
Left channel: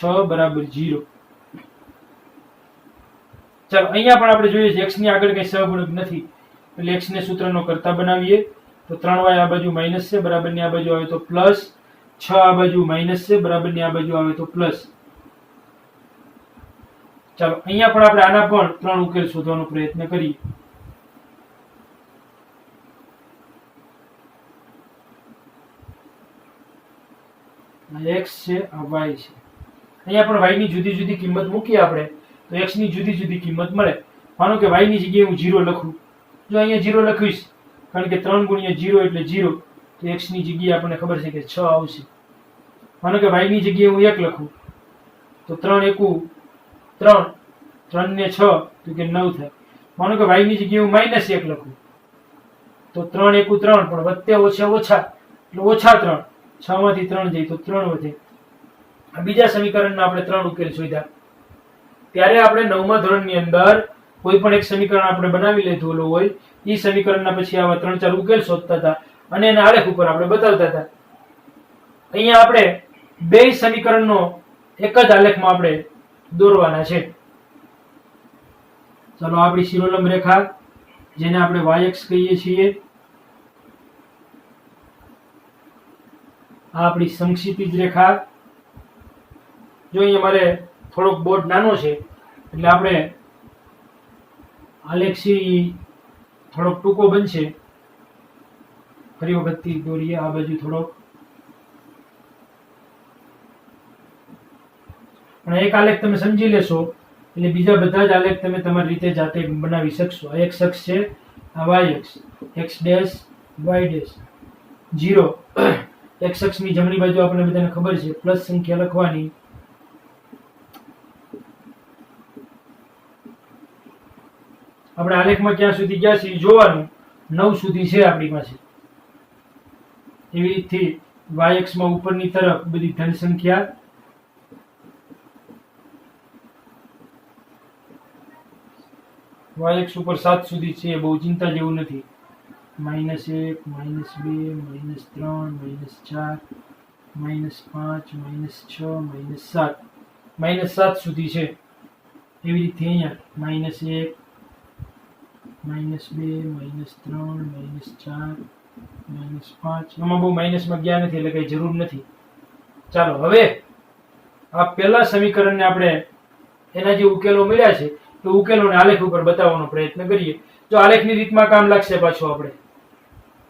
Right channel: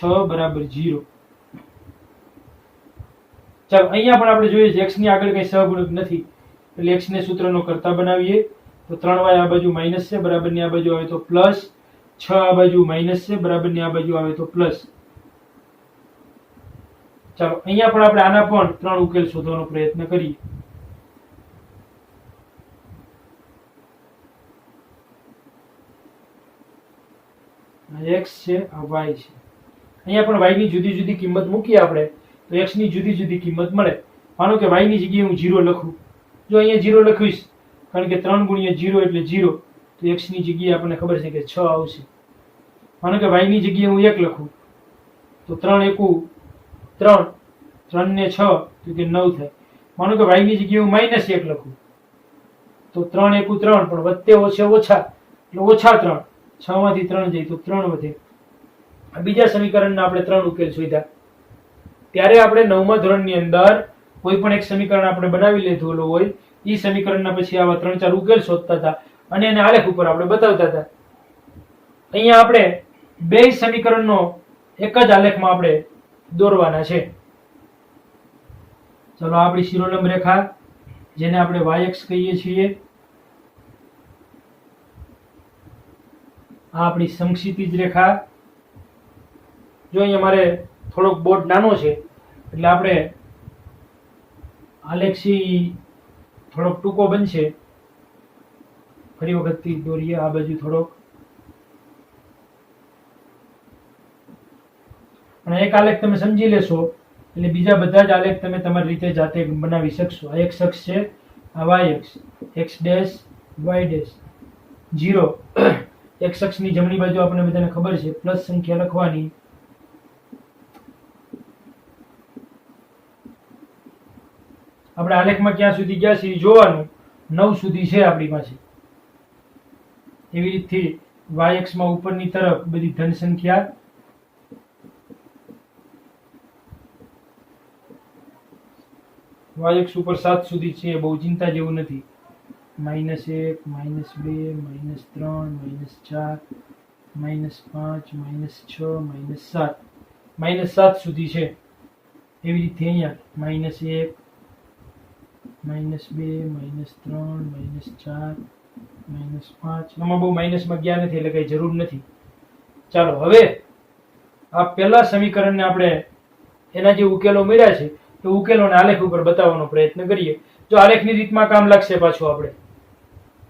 6 બરાબર 0. ચાલો અહીંયા પણ આપણે જોઈએ છે x ની આગળ કઈ સહગુણક નથી એટલે x ને સૂત્રનો કરતા બનાવીએ તો 3y આ બાજુ માઈનસ છે, બરાબરની આ બાજુ આવે તો પ્લસ. 6 આ બાજુ માઈનસ છે, બરાબરની આ બાજુ આવે તો પ્લસ. ચાલો અહીંયા પણ આપણે આના પણ 3 ઉકેલ શોધવાનો પ્રયત્ન કરીએ. x છે, આ y છે. અહીંયા પણ y ની જુદી જુદી કિંમત મૂકીએ આપણે તો x ની જુદી જુદી કિંમત મળે. માનો કે y ની જગ્યાએ હું 0 લખું. જો અહીંયા 0 લખીશ કારણ કે 3 × 0 એટલે 0 તો x ની જગ્યાએ આપણને ખબર છે કે 6 આવશે. માનો કે y ની જગ્યાએ હું 1 લખું તો 3 × 1 = 3. 3 ને 6 તો કે 9 થાય. માનો કે y ની જગ્યાએ હું -1 લખું તો 3 × 1 = 3 પણ વત્તે ઓછા ઓછા એટલે -3. 6 માંથી 3 જાય તો 3 વધે. આ બીજા સમીકરણના આપણે 3 ઉકેલ શોધ્યા. ત્યારે આપણે 9મા ધોરણની અંદર કોઈ પણ એક સમીકરણ આપણે બનાવી લીધું હોય એ સમીકરણના પછી આવા 3-4 ઉકેલ શોધતા હતા અને એના આલેખ ઉપર આપણે બતાવતા હતા. અહીંયા આપણે બે સમીકરણનો એક જ આલેખમાં આપણે દોરવાના છે. ચલો આપણી શિરોલંબ રેખા જેને આપણે y અક્ષ કહીએ છીએ, આ આપણી સમક્ષિતિજ રેખા. જો અહીંયા મારે થોડોક બોર્ડ નાનો છે એટલે આપણે આલેખ છે થોડોક ટૂંકો બનશે. ફરી વખતથી દોરીએ આ બાજુ થોડોક. પણ એક આલેખ તમે સમજી લેશો એટલે બીજા બધા જ આલેખ તમે તમારી રીતે જાતે બનાવી શકશો. આ x અક્ષ છે, આ y અક્ષ, x dash y dash 0. x અક્ષની જમણી બાજુ આપણે બધાને ખબર છે પ્લસ સંખ્યા લખવાની. આપણે આલેખમાં ક્યાં સુધી ગયા છે જોવાનું. 9 સુધી છે આપણી પાસે. એવી રીતથી y અક્ષ માં ઉપરની તરફ બધી ધન સંખ્યા, y અક્ષ ઉપર 7 સુધી છે, બહુ ચિંતા જેવું નથી. -1, -2, -3, -4, -5, -6, -7, -7 સુધી છે. એવી રીતે અહીંયા -1, -2, -3, -4, -5 આમાં બહુ માઇનસમાં ગયા નથી એટલે કઈ જરૂર નથી. ચાલો હવે આ પહેલા સમીકરણને આપણે એના જે ઉકેલો મળ્યા છે તો ઉકેલોને આલેખ ઉપર બતાવવાનો પ્રયત્ન કરીએ. જો આલેખની રીતમાં કામ લાગશે પાછું આપણે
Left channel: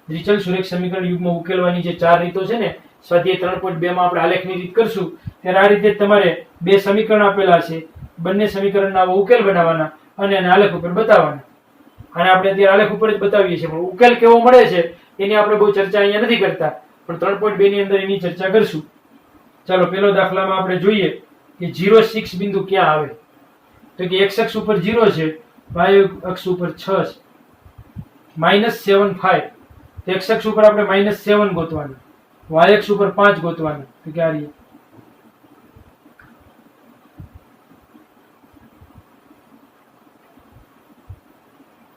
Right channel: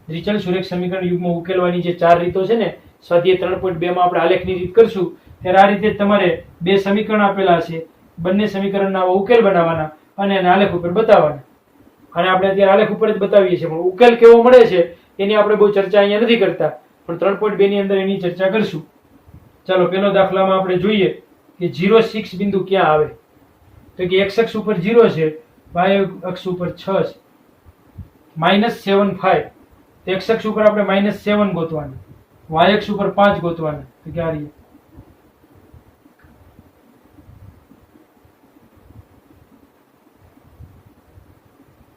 દ્વિચલ સુરેખ સમીકરણ યુગ્મ ઉકેલવાની જે 4 રીતો છે ને સ્વાધ્યાય 3.2 માં આપણે આલેખની રીત કરશું ત્યારે આ રીતે તમારે બે સમીકરણ આપેલા છે, બંને સમીકરણના ઉકેલ બનાવવાના અને એને આલેખ ઉપર બતાવવાના. અને આપણે અત્યારે આલેખ ઉપર જ બતાવીએ છીએ, પણ ઉકેલ કેવો મળે છે એની આપણે બહુ ચર્ચા અહીંયા નથી કરતા, પણ 3.2 ની અંદર એની ચર્ચા કરશું. ચાલો પેલો દાખલામાં આપણે જોઈએ કે 0, 6 બિંદુ ક્યાં આવે. તો કે x અક્ષ ઉપર 0 છે, y અક્ષ ઉપર 6 છે. -7, 5 તો x અક્ષ ઉપર આપણે -7 ગોતવાના, y અક્ષ ઉપર 5 ગોતવાના. તો કે આ રીતે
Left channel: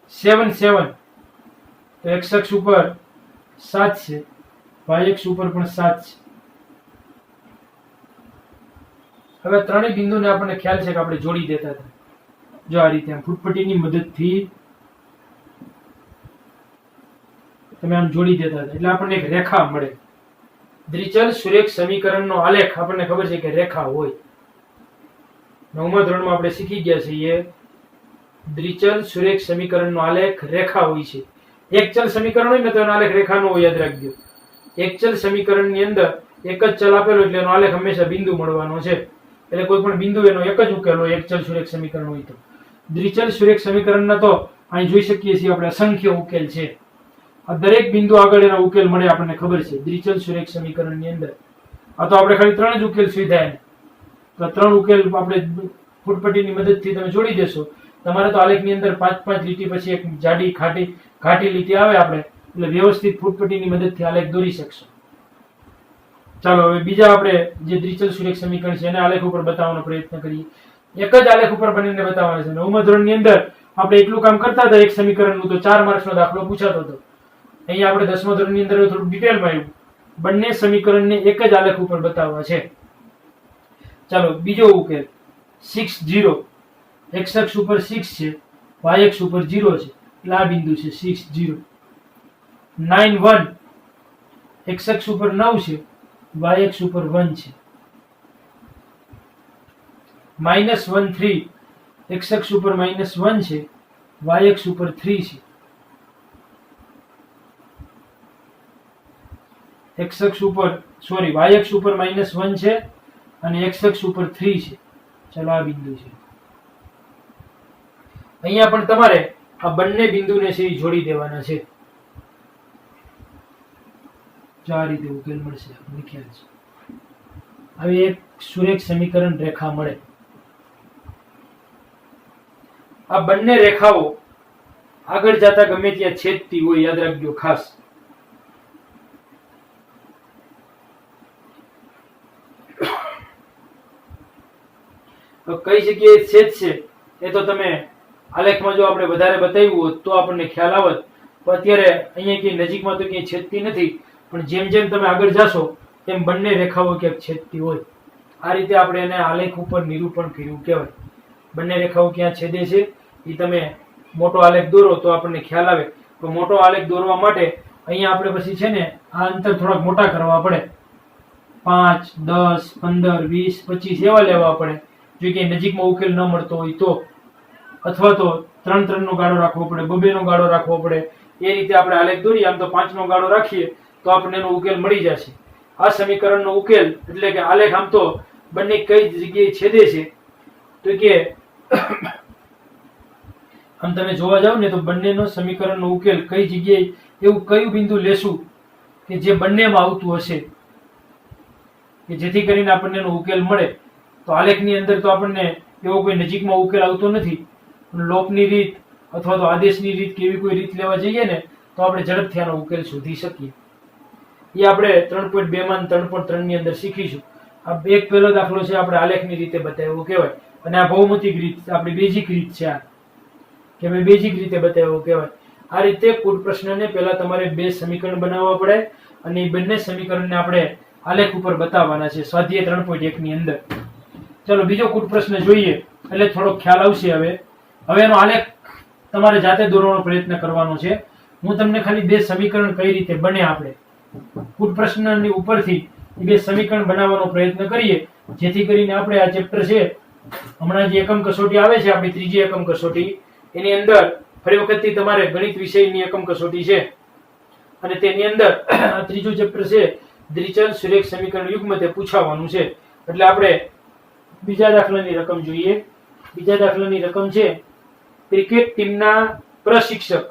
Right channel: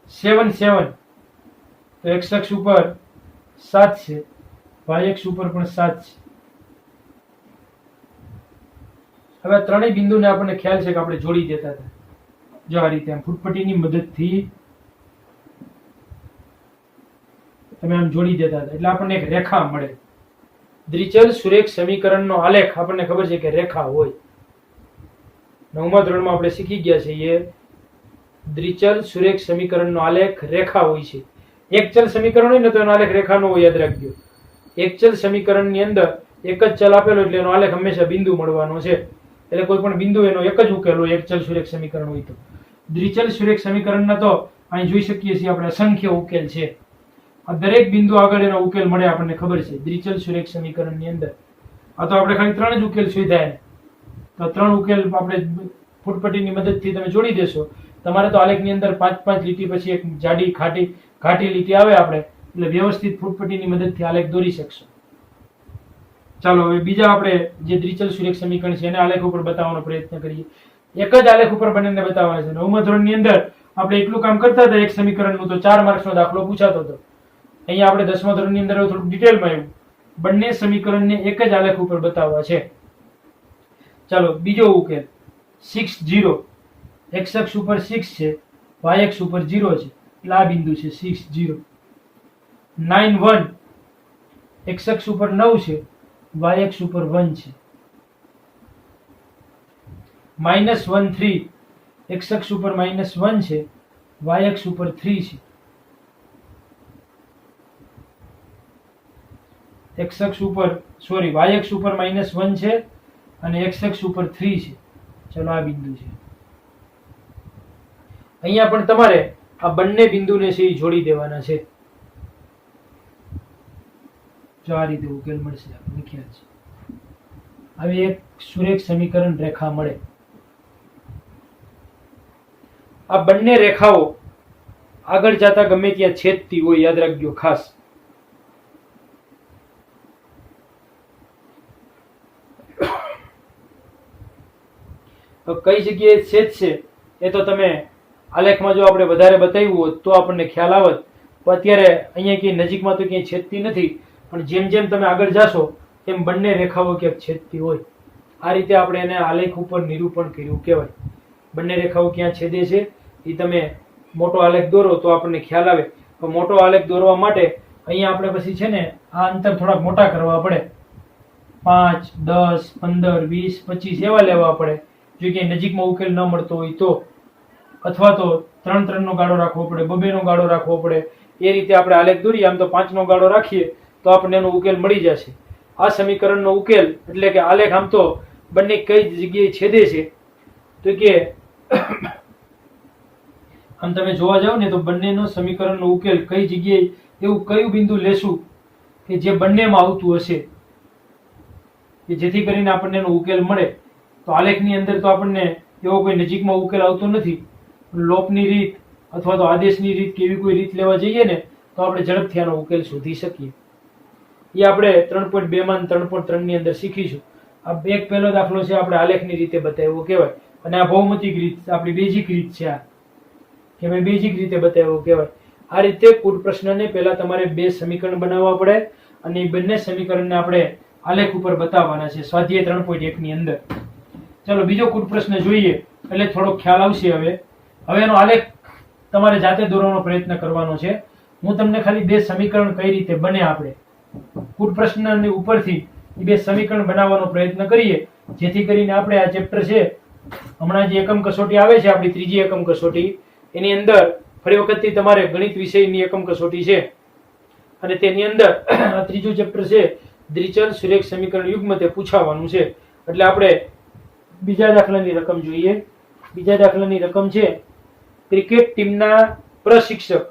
7, 7 તો x અક્ષ ઉપર 7 છે, y અક્ષ ઉપર પણ 7 છે. હવે ત્રણેય બિંદુને આપણને ખ્યાલ છે કે આપણે જોડી દેતા હતા. જો આ રીતે આમ ફૂટપટ્ટીની મદદથી તમે આમ જોડી દેતા હતા એટલે આપણને એક રેખા મળે. દ્વિચલ સુરેખ સમીકરણનો આલેખ આપણને ખબર છે કે રેખા હોય. 9મા ધોરણમાં આપણે શીખી ગયા છીએ દ્વિચલ સુરેખ સમીકરણનો આલેખ રેખા હોય છે. એક ચલ સમીકરણ હોય ને તો એનો આલેખ રેખા નો હોય, યાદ રાખજો. એક ચલ સમીકરણની અંદર એક જ ચલ આપેલો એટલે એનો આલેખ હંમેશા બિંદુ મળવાનો છે. એટલે કોઈ પણ બિંદુ એનો એક જ ઉકેલ હોય, એક ચલ સુરેખ સમીકરણ હોય તો. દ્વિચલ સુરેખ સમીકરણના તો અહીં જોઈ શકીએ છીએ આપણે અસંખ્ય ઉકેલ છે. આ દરેક બિંદુ આગળ એના ઉકેલ મળે આપણને ખબર છે દ્વિચલ સુરેખ સમીકરણની અંદર. આ તો આપણે ખાલી 3 જ ઉકેલ શોધ્યા, તો 3 ઉકેલ આપણે ફૂટપટ્ટીની મદદથી તમે જોડી દેશો. તમારે તો આલેખની અંદર 5-5 લીટી પછી એક જાડી ઘાટી લીટી આવે આપણે એટલે વ્યવસ્થિત ફૂટપટ્ટીની મદદથી આલેખ દોરી શકશો. ચાલો હવે બીજા આપણે જે દ્વિચલ સુરેખ સમીકરણ છે એને આલેખ ઉપર બતાવવાનો પ્રયત્ન કરીએ. એક જ આલેખ ઉપર બંનેને બતાવવાના છે. 9મા ધોરણની અંદર આપણે એટલું કામ કરતા હતા એક સમીકરણનું તો 4 માર્ક્સનો દાખલો પૂછાતો હતો. અહીંયા આપણે 10મા ધોરણની અંદર થોડું ડિટેલમાં આવ્યું. બંને સમીકરણને એક જ આલેખ ઉપર બતાવવા છે. ચાલો બીજો ઉકેલ 6, 0 x અક્ષ ઉપર 6 છે, y અક્ષ ઉપર 0 છે એટલે આ બિંદુ છે 6, 0. 9, 1 x અક્ષ ઉપર 9 છે, y અક્ષ ઉપર 1 છે. -1, 3 x અક્ષ ઉપર -1 છે, y અક્ષ ઉપર 3 છે. x અક્ષ ઉપર y અક્ષ ઉપર -1 છે અને x અક્ષ ઉપર 3 છે. ચલો આ બિંદુ છે. અહીંયા પણ તમારે આ બંને બિંદુને છે એ જોડી દેવાના છે. જો આ રીતે ઉકેલ મળશે આપણને ખ્યાલ છે. આવી એક સુરેખ સમીકરણ રેખા મળે. આ બંને રેખાઓ આગળ જતા ગમે ત્યાં છેદતી હોય, યાદ રાખજો ખાસ. તો કઈ જગ્યાએ છેદશે એ તો તમે આલેખમાં જો આપણે વધારે બતાવ્યું હોત તો આપણને ખ્યાલ આવત. તો અત્યારે અહીંયા ક્યાંય નજીકમાં તો ક્યાંય છેદતી નથી, પણ જેમ જેમ તમે આગળ જાશો તેમ બંને રેખાઓ ક્યાંક છેદતી હોય. આ રીતે આપણે એને આલેખ ઉપર નિરૂપણ કર્યું કહેવાય. બંને રેખાઓ ક્યાં છેદે છે એ તમે મોટો આલેખ દોરો તો આપણને ખ્યાલ આવે. તો મોટો આલેખ દોરવા માટે અહીંયા આપણે પછી છે ને આ અંતર થોડાક મોટા કરવા પડે. 5, 10, 15, 20, 25 એવા લેવા પડે જો ક્યાંય નજીકમાં ઉકેલ ન મળતો હોય તો. અથવા તો 3 નો ગાળો રાખવો પડે, 2 નો ગાળો રાખવો પડે. એ રીતે આપણે આલેખ દોરીએ. આમ તો 5 નો ગાળો રાખીએ તો આપણને એનો ઉકેલ મળી જશે. આ સમીકરણનો ઉકેલ એટલે કે આલેખ આમ તો બંને કઈ જગ્યાએ છેદે છે તો કે આમ તમે જોવા જાવ ને તો બંનેનો સમીકરણનો ઉકેલ કઈ જગ્યાએ એવું કયું બિંદુ લેશું કે જે બંનેમાં આવતું હશે કે જેથી કરીને આપણને એનો ઉકેલ મળે. તો આલેખની અંદર તો આપણને એવો કોઈ નજીકમાં ઉકેલ આવતો નથી. લોપની રીત અથવા તો આદેશની રીત કેવી કોઈ રીત લેવા જઈએ ને તો આપણે ઝડપથી આનો ઉકેલ શોધી શકીએ. એ આપણે 3.2 માં 3.3 ની અંદર શીખીશું. આ એક પહેલો દાખલો છે આપણે આલેખની રીતે બતાવ્યો કહેવાય, અને આ ભૌમિતિક રીત આપણી બેઝિક રીત છે. આ કે મેં બેઝિક રીતે બતાવ્યો કહેવાય. આ રીતે કુટ પ્રશ્નને પહેલા તમારે બે સમીકરણ બનાવવા પડે, અને એ બંને સમીકરણને આપણે આલેખ ઉપર બતાવવાના છે સ્વાધ્યાય 3.1 ની અંદર. ચાલો બીજો કુટ પ્રશ્ન જોઈએ એટલે થોડો ખ્યાલ આવશે. હવે એનો આલેખ તમારે જાતે દોરવાનો પ્રયત્ન કરવાનો છે. હું તમને ખાલી બે સમીકરણ કઈ રીતે બને આપણે કુટ પ્રશ્નની ઉપરથી એ બે સમીકરણ બનાવવાનો પ્રયત્ન કરીએ, જેથી કરીને આપણે આ ચેપ્ટર છે, હમણાં જે એકમ કસોટી આવે છે આપણી ત્રીજી એકમ કસોટી, એની અંદર ફરી વખતથી તમારે ગણિત વિષયની એકમ કસોટી છે, અને તેની અંદર ત્રીજું ચેપ્ટર છે દ્વિચલ સુરેખ સમીકરણ યુગ્મ, તે પૂછાવાનું છે. એટલે આપણે બીજા દાખલાની રકમ જોઈએ. બીજા દાખલાની રકમ છે ક્રિકેટ ટીમના પ્રશિક્ષક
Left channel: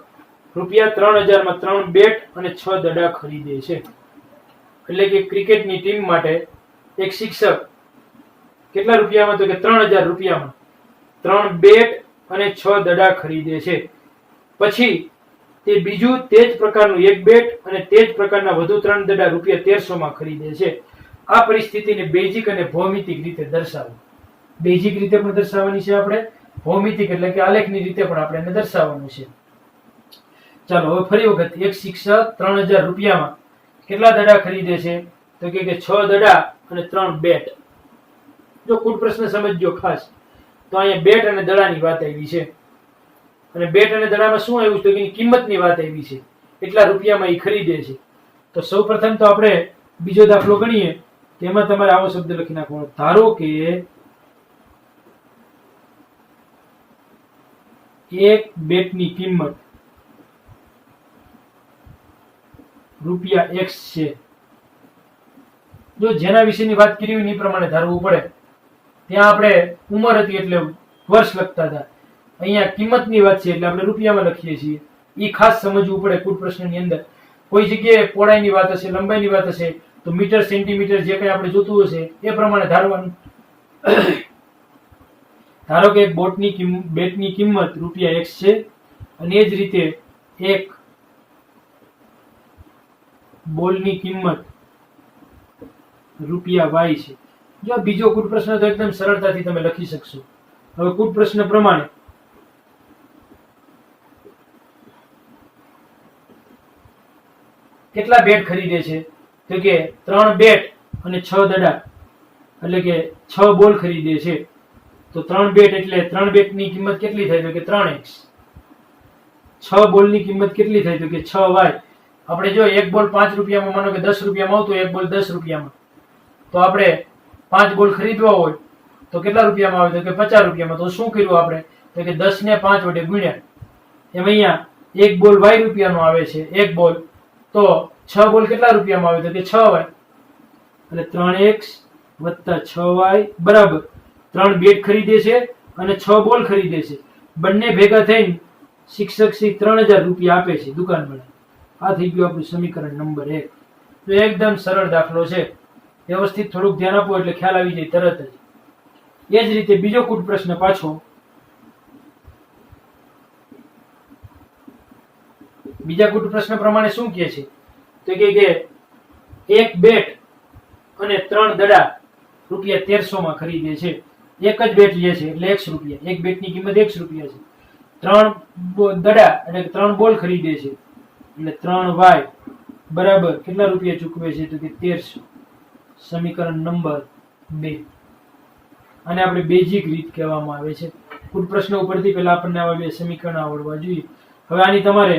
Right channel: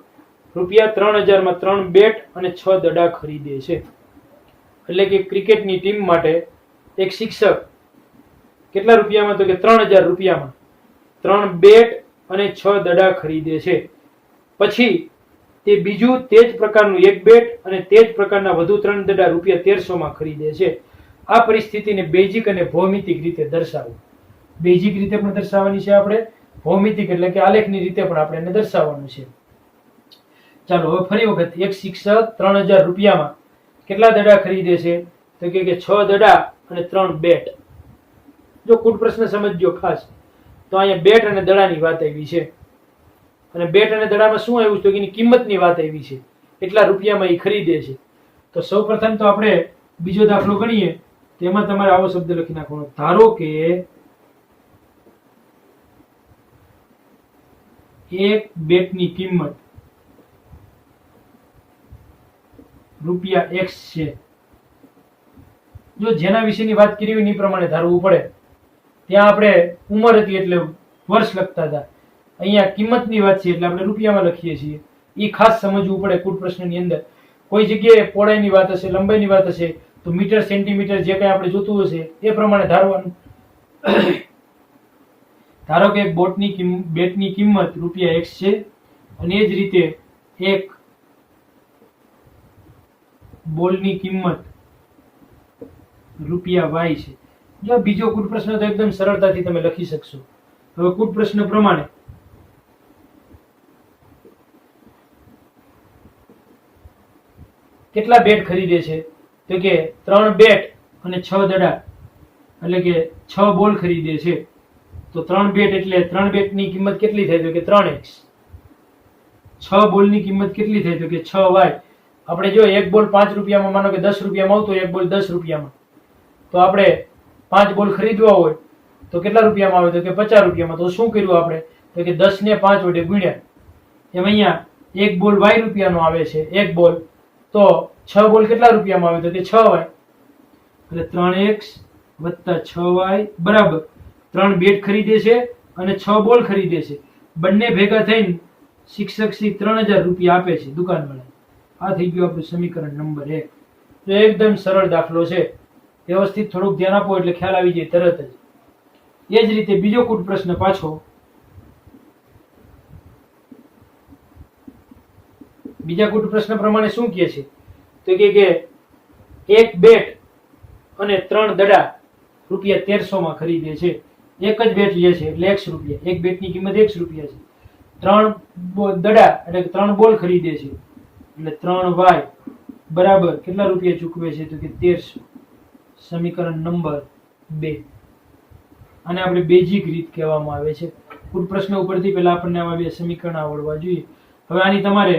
₹3000 માં 3 બેટ અને 6 દડા ખરીદે છે. એટલે કે ક્રિકેટની ટીમ માટે એક શિક્ષક કેટલા રૂપિયામાં, તો કે 3000 રૂપિયામાં 3 બેટ અને 6 દડા ખરીદે છે. પછી તે બીજું તે જ પ્રકારનું એક બેટ અને તે જ પ્રકારના વધુ 3 દડા ₹1300 માં ખરીદે છે. આ પરિસ્થિતિને બેઝિક અને ભૌમિતિક રીતે દર્શાવો. બેઝિક રીતે પણ દર્શાવવાની છે આપણે, ભૌમિતિક એટલે કે આલેખની રીતે પણ આપણે એને દર્શાવવાનું છે. ચાલો હવે ફરી વખત, એક શિક્ષક 3000 રૂપિયામાં કેટલા દડા ખરીદે છે, તો કે 6 દડા અને 3 બેટ. જો કુટ પ્રશ્ન સમજજો ખાસ, તો અહીંયા બેટ અને દડાની વાત આવી છે, અને બેટ અને દડામાં શું આવ્યું છે, તો એની કિંમતની વાત આવી છે, એટલા રૂપિયામાં એ ખરીદે છે. તો સૌપ્રથમ તો આપણે બીજો દાખલો ગણીએ, તેમાં તમારે આવો શબ્દ લખી નાખવાનો, ધારો કે એક બેટની કિંમત ₹X છે. જો જેના વિશેની વાત કરી હોય એ પ્રમાણે ધારવું પડે. ત્યાં આપણે ઉંમર હતી એટલે વર્ષ લખતા હતા, અહીંયા કિંમતની વાત છે એટલે આપણે રૂપિયામાં લખીએ છીએ. એ ખાસ સમજવું પડે કુટ પ્રશ્નની અંદર. કોઈ જગ્યાએ પહોળાઈની વાત હશે, લંબાઈની વાત હશે, તો મીટર સેન્ટીમીટર જે કંઈ આપણે જોતું હશે એ પ્રમાણે ધારવાનું. ધારો કે એક બેટની કિંમત ₹X છે, અને એ જ રીતે એક બોલની કિંમત ₹Y છે. જો બીજો કુટ પ્રશ્ન તો એકદમ સરળતાથી તમે લખી શકશો. હવે કુટ પ્રશ્ન પ્રમાણે કેટલા બેટ ખરીદે છે, તો કે 3 બેટ અને 6 દડા, એટલે કે 6 બોલ ખરીદે છે. તો 3 બેટ એટલે 3 બેટની કિંમત કેટલી થાય, તો કે 3x. 6 બોલની કિંમત કેટલી થાય, તો કે 6y. આપણે જો એક બોલ 5 રૂપિયામાં, માનો કે 10 રૂપિયામાં આવતો, એક બોલ 10 રૂપિયામાં, તો આપણે 5 બોલ ખરીદવા હોય તો કેટલા રૂપિયામાં આવે, તો કે 50 રૂપિયામાં. તો શું કર્યું આપણે, તો કે 10 ને 5 વડે ગુણ્યા. એમ અહીંયા એક બોલ y રૂપિયાનો આવે છે, એક બોલ, તો 6 બોલ કેટલા રૂપિયામાં આવે, તો કે 6y. એટલે 3x + 6y બરાબર 3 બેટ ખરીદે છે અને 6 બોલ ખરીદે છે. બંને ભેગા થઈને શિક્ષક શ્રી 3000 રૂપિયા આપે છે દુકાનવાળા. આ થઈ ગયું આપણું સમીકરણ નંબર 1. તો એકદમ સરળ દાખલો છે, વ્યવસ્થિત થોડુંક ધ્યાન આપો એટલે ખ્યાલ આવી જાય તરત જ. એ જ રીતે બીજો કુટ પ્રશ્ન પાછો, બીજા કુટ પ્રશ્ન પ્રમાણે શું કહે છે, તો કે એક બેટ અને 3 દડા ₹1300 માં ખરીદે છે. એક જ બેટ લે છે એટલે X રૂપિયા, એક બેટની કિંમત X રૂપિયા છે. 3 દડા એટલે 3 બોલ ખરીદે છે એટલે 3y બરાબર કેટલા રૂપિયા ચૂકવે છે, તો કે 1300. સમીકરણ નંબર 2. અને આપણે બેઝિક રીત કહેવામાં આવે છે. કુટ પ્રશ્ન ઉપરથી પહેલા આપણને આવા બે સમીકરણ આવડવા જોઈએ. હવે આની તમારે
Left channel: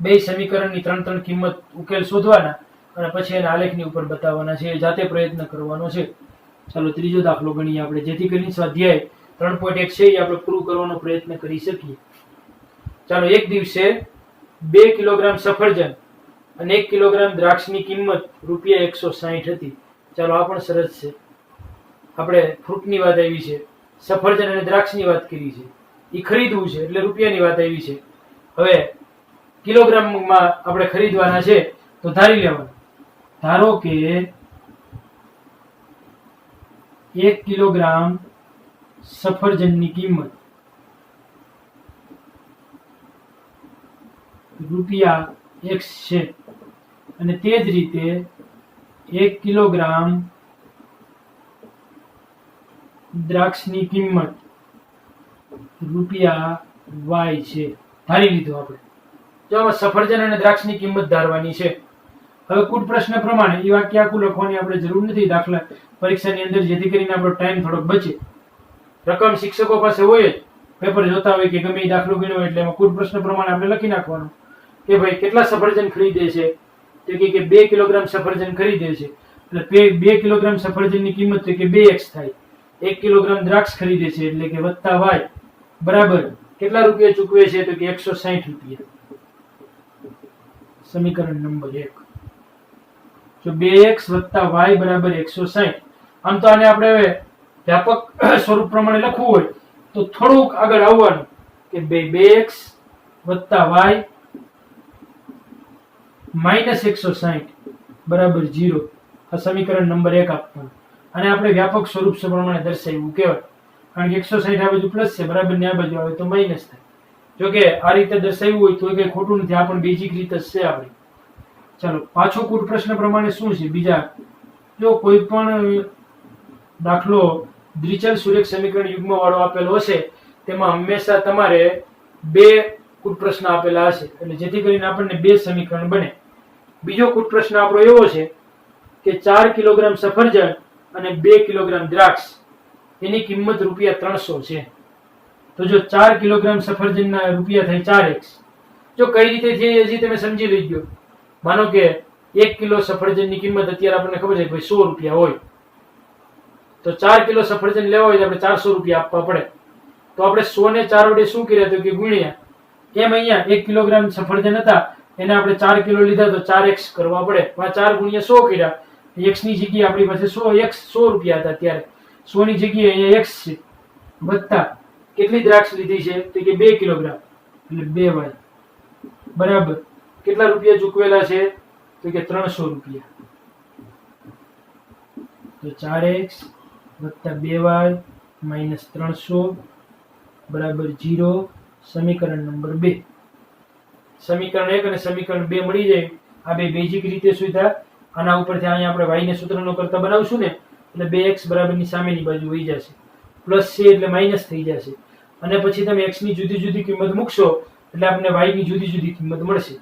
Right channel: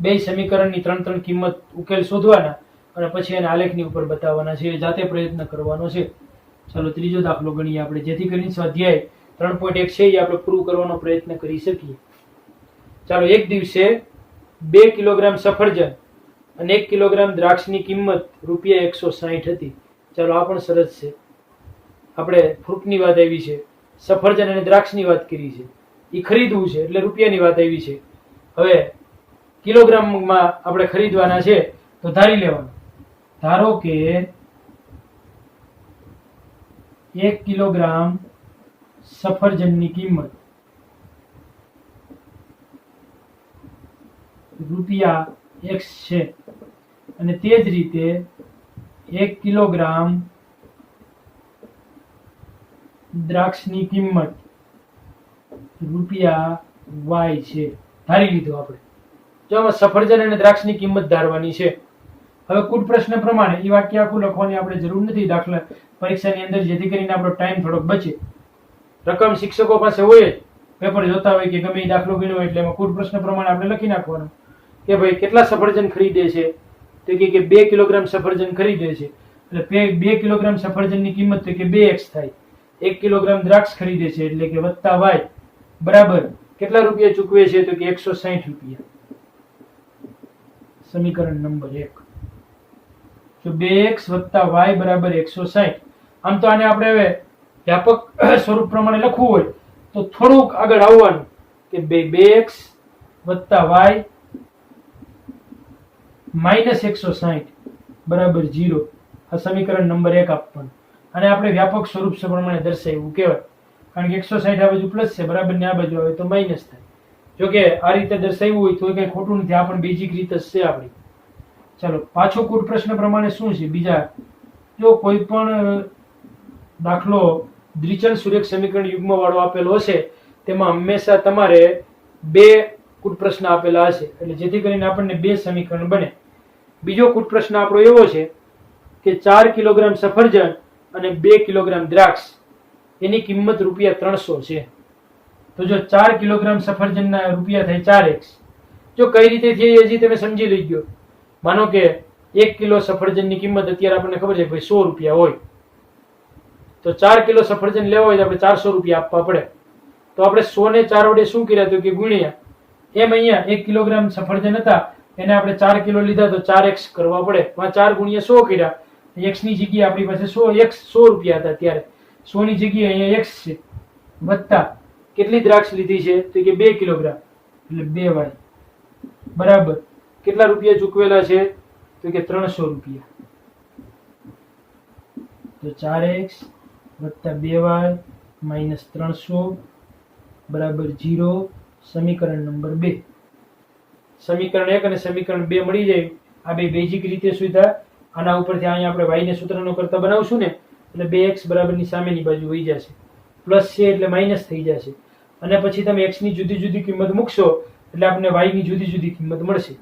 બે સમીકરણની 3 કિંમત ઉકેલ શોધવાના, અને પછી એને આલેખની ઉપર બતાવવાના છે. જાતે પ્રયત્ન કરવાનો છે. ચાલો ત્રીજો દાખલો ગણીએ આપણે, જેથી કરીને સ્વાધ્યાય 3.1 છે એ આપણે પૂરું કરવાનો પ્રયત્ન કરી શકીએ. ચાલો, એક દિવસે 2 કિલોગ્રામ સફરજન અને 1 કિલોગ્રામ દ્રાક્ષની કિંમત ₹160 હતી. ચાલો, આ પણ સરસ છે. આપણે ફ્રૂટની વાત આવી છે, સફરજન અને દ્રાક્ષની વાત કરી છે, એ ખરીદવું છે એટલે રૂપિયાની વાત આવી છે. હવે કિલોગ્રામમાં આપણે ખરીદવાના છે તો ધારી લેવાનું. ધારો કે 1 કિલોગ્રામ સફરજનની કિંમત ₹X છે, અને તે જ રીતે 1 કિલોગ્રામ દ્રાક્ષની કિંમત રૂપિયા y છે ધારી લીધું આપણે. જો આમાં સફરજન અને દ્રાક્ષની કિંમત ધારવાની છે. હવે કુલ પ્રશ્ન પ્રમાણે એ વાક્ય આખું લખવાની આપણે જરૂર નથી દાખલા પરીક્ષાની અંદર, જેથી કરીને આપણો ટાઈમ થોડોક બચે. રકમ શિક્ષકો પાસે હોય જ, પેપર જોતા હોય કે ગમે એ દાખલો ગણ્યો હોય એટલે એમાં કુલ પ્રશ્ન પ્રમાણે આપણે લખી નાખવાનું કે ભાઈ કેટલા સફરજન ખરીદે છે, તો કે 2 કિલોગ્રામ સફરજન ખરીદે છે એટલે 2 કિલોગ્રામ સફરજનની કિંમત તો કે 2x થાય. 1 કિલોગ્રામ દ્રાક્ષ ખરીદે છે એટલે કે વત્તા y બરાબર કેટલા રૂપિયા ચૂકવે છે, તો કે 160 રૂપિયા. સમીકરણ નંબર 1. જો 2x વત્તા y બરાબર 160. આમ તો આને આપણે હવે વ્યાપક સ્વરૂપ પ્રમાણે લખવું હોય તો થોડુંક આગળ આવવાનું કે 2x વત્તા y માઇનસ 160 બરાબર 0. આ સમીકરણ નંબર 1 આપવાનું. અને આપણે વ્યાપક સ્વરૂપ પ્રમાણે દર્શાવ્યું કહેવાય, કારણ કે 160 આ બાજુ પ્લસ છે બરાબર ને આ બાજુ આવે તો માઇનસ થાય. જો કે આ રીતે દર્શાવ્યું હોય તો કઈ ખોટું નથી, આ પણ બેઝિક રીત જ છે આપણી. ચાલો પાછો કુલ પ્રશ્ન પ્રમાણે શું છે બીજા, જો કોઈ પણ દાખલો દ્વિચલ સુરેખ સમીકરણ યુગ્મ વાળો આપેલો હશે તેમાં હંમેશા તમારે 2 કુલ પ્રશ્ન આપેલા હશે, એટલે જેથી કરીને આપણને 2 સમીકરણ બને. બીજો કુલ પ્રશ્ન આપણો એવો છે કે 4 કિલોગ્રામ સફરજન અને 2 કિલોગ્રામ દ્રાક્ષ એની કિંમત રૂપિયા 300 છે. તો જો 4 કિલોગ્રામ સફરજનના રૂપિયા થાય 4x. જો કઈ રીતે થઈ હજી તમે સમજી લીધો. માનો કે 1 કિલો સફરજનની કિંમત અત્યારે આપણને ખબર છે કે ભાઈ 100 રૂપિયા હોય, તો 4 કિલો સફરજન લેવા હોય તો આપણે 400 રૂપિયા આપવા પડે. તો આપણે 100 ને 4 વડે શું કર્યા તો કે ગુણ્યા. એમ અહીંયા 1 કિલોગ્રામ સફરજન હતા એને આપણે 4 કિલો લીધા તો 4x કરવા પડે. 4 ગુણ્યા 100 કર્યા, x ની જગ્યાએ આપણી પાસે 100 રૂપિયા હતા ત્યારે 100 ની જગ્યાએ અહીંયા x છે વત્તા કેટલી દ્રાક્ષ લીધી છે તો કે 2 કિલોગ્રામ એટલે 2y બરાબર કેટલા રૂપિયા ચૂકવેલા છે તો કે 300 રૂપિયા. તો 4x વત્તા 2y માઇનસ 300 બરાબર 0. સમીકરણ નંબર 2. સમીકરણ 1 અને સમીકરણ 2 મળી જાય. આ બે બેઝિક રીતે સુધા આના ઉપરથી અહીંયા આપણે y ને સૂત્રનો કરતા બનાવશું ને એટલે 2x બરાબરની સામેની બાજુ વહી જશે, પ્લસ છે એટલે માઇનસ થઈ જશે, અને પછી તમે x ની જુદી જુદી કિંમત મૂકશો એટલે આપણને y ની જુદી જુદી કિંમત મળશે.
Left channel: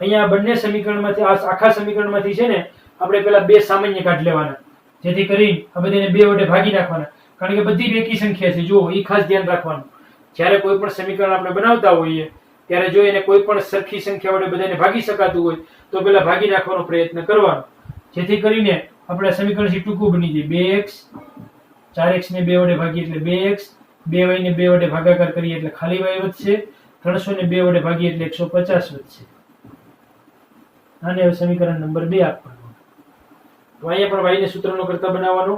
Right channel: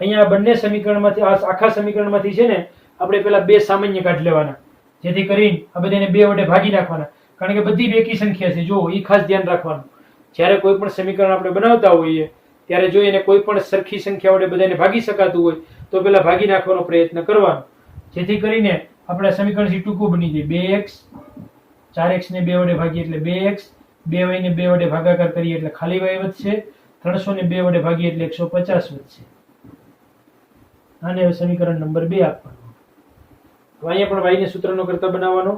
અહીંયા બંને સમીકરણમાંથી આખા સમીકરણમાંથી છે ને આપણે પેલા 2 સામાન્ય કાઢ લેવાના, જેથી કરીને આ બધાને 2 વડે ભાગી નાખવાના, કારણ કે બધી બેકી સંખ્યા છે. જો એ ખાસ ધ્યાન રાખવાનું, જ્યારે કોઈ પણ સમીકરણ આપણે બનાવતા હોઈએ ત્યારે જો એને કોઈ પણ સરખી સંખ્યા વડે બધાને ભાગી શકાતું હોય તો પેલા ભાગી નાખવાનો પ્રયત્ન કરવાનો, જેથી કરીને આપણે સમીકરણથી ટૂંકું બની જાય. 2x 4x ને 2 વડે ભાગીએ એટલે 2x, 2y ને 2 વડે ભાગાકાર કરીએ એટલે ખાલી y વધશે, 300 ને 2 વડે ભાગીએ એટલે 150 વધશે. આને હવે સમીકરણ નંબર 2 આપવાનું. તો અહીંયા પણ y ને સૂત્રનો કરતા બનાવવાનો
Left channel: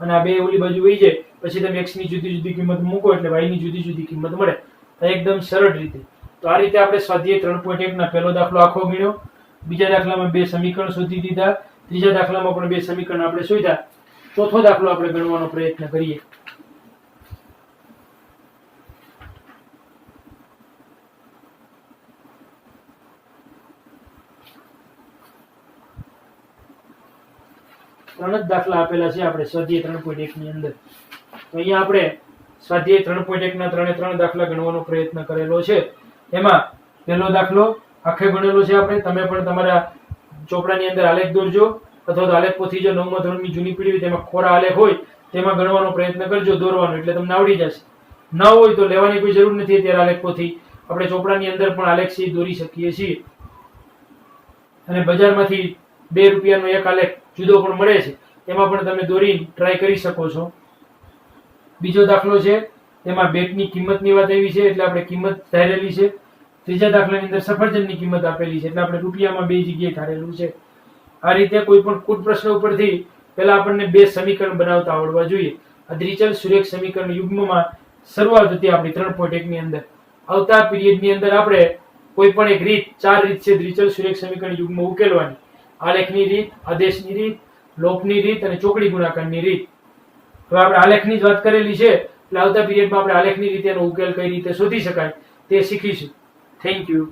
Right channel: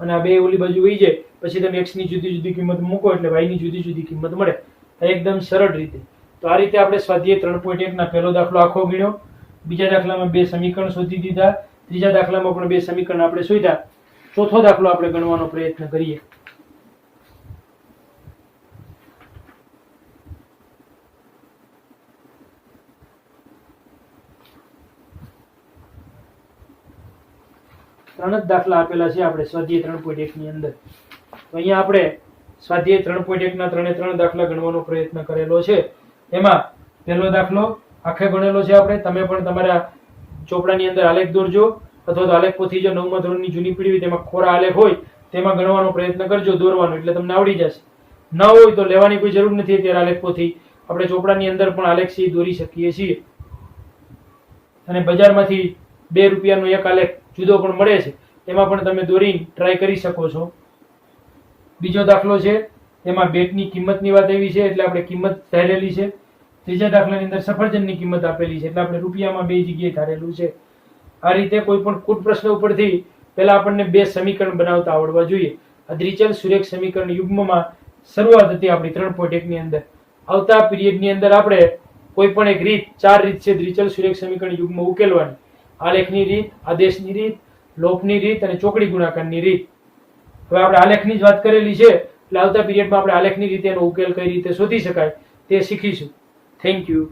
અને આ બે ઓલી બાજુ વહી જાય, પછી તમે x ની જુદી જુદી કિંમત મૂકો એટલે y ની જુદી જુદી કિંમત મળે. એકદમ સરળ રીતે. તો આ રીતે આપણે સ્વાધ્યાય 3.1 ના પહેલો દાખલો આખો ગણ્યો. બીજા દાખલામાં 2 સમીકરણ શોધી દીધા, ત્રીજા દાખલામાં પણ 2 સમીકરણ આપણે શોધ્યા. ચોથો દાખલો આપણે ગણવાનો પ્રયત્ન કરીએ. ત્રણ જ દાખલા આપેલા છે આપણે સ્વાધ્યાય 3.1 ની અંદર. તો અહીંયા આપણે સ્વાધ્યાય 3.1 ના 3 દાખલા ગણવાનો પ્રયત્ન કરેલો છે. એમાં પહેલો દાખલો આખે ગણેલો છે આપણે. તમે પણ તમારા ચોપડાની અંદર આલેખ દોરજો, અથવા તો આલેખ પોથી જો 9મા ધોરણની જૂની પીઢી હોય તેમાં ખોરા આલેખ હોય તેમાં ગણવાનો પ્રયત્ન કરજો, દોરવાનો, એટલે તમને આવડી જશે. ન હોય તો લેવાની કોઈ જરૂર નથી. અત્યારે આલેખ પોથી આપણે ચોપડાની અંદર પણ આલેખ સી દોરી શકીએ છીએ, અને બજારમાંથી 2 રૂપિયાનો એક આલેખ જુદો પણ મળે છે, એમાં પણ તમે દોરી ટ્રાય કરી શકો છો. બીજો દાખલો છે એમાં બેટની કિંમતની વાત આવી છે એટલે આપણે કિંમત ધારેલી છે. ત્રીજા દાખલાની અંદર સફરજનની કિંમત આપેલી છે એટલે આપણે રૂપિયામાં 2 જગ્યાએ ધારેલું છે. આ રીતે કોઈ પણ કુલ પ્રશ્ન ઉપરથી પહેલા આપણને 2 સમીકરણ બનાવતા આવડવા જોઈએ. આ દ્વિચલ સુરેખ સમીકરણ યુગ્મમાં શરૂઆત હતી આપણી 3.1 ની અંદર. આવતા પીરિયડની અંદર આપણે કોઈ પણ એક રીત, 4 રીત છે દ્વિચલ સુરેખ સમીકરણ યુગ્મ ઉકેલવાની. આલેખની રીત, આદેશની રીત, લોપની રીત અને ચોકડી ગુણાકારની રીત. હવે આપણે આલેખની જ વાત કરેલી છે એટલે આવતા પીરિયડમાં આપણે આલેખની રીતે એનો ઉકેલ કઈ રીતે શોધી શકાય તે શીખીશું. Thank you.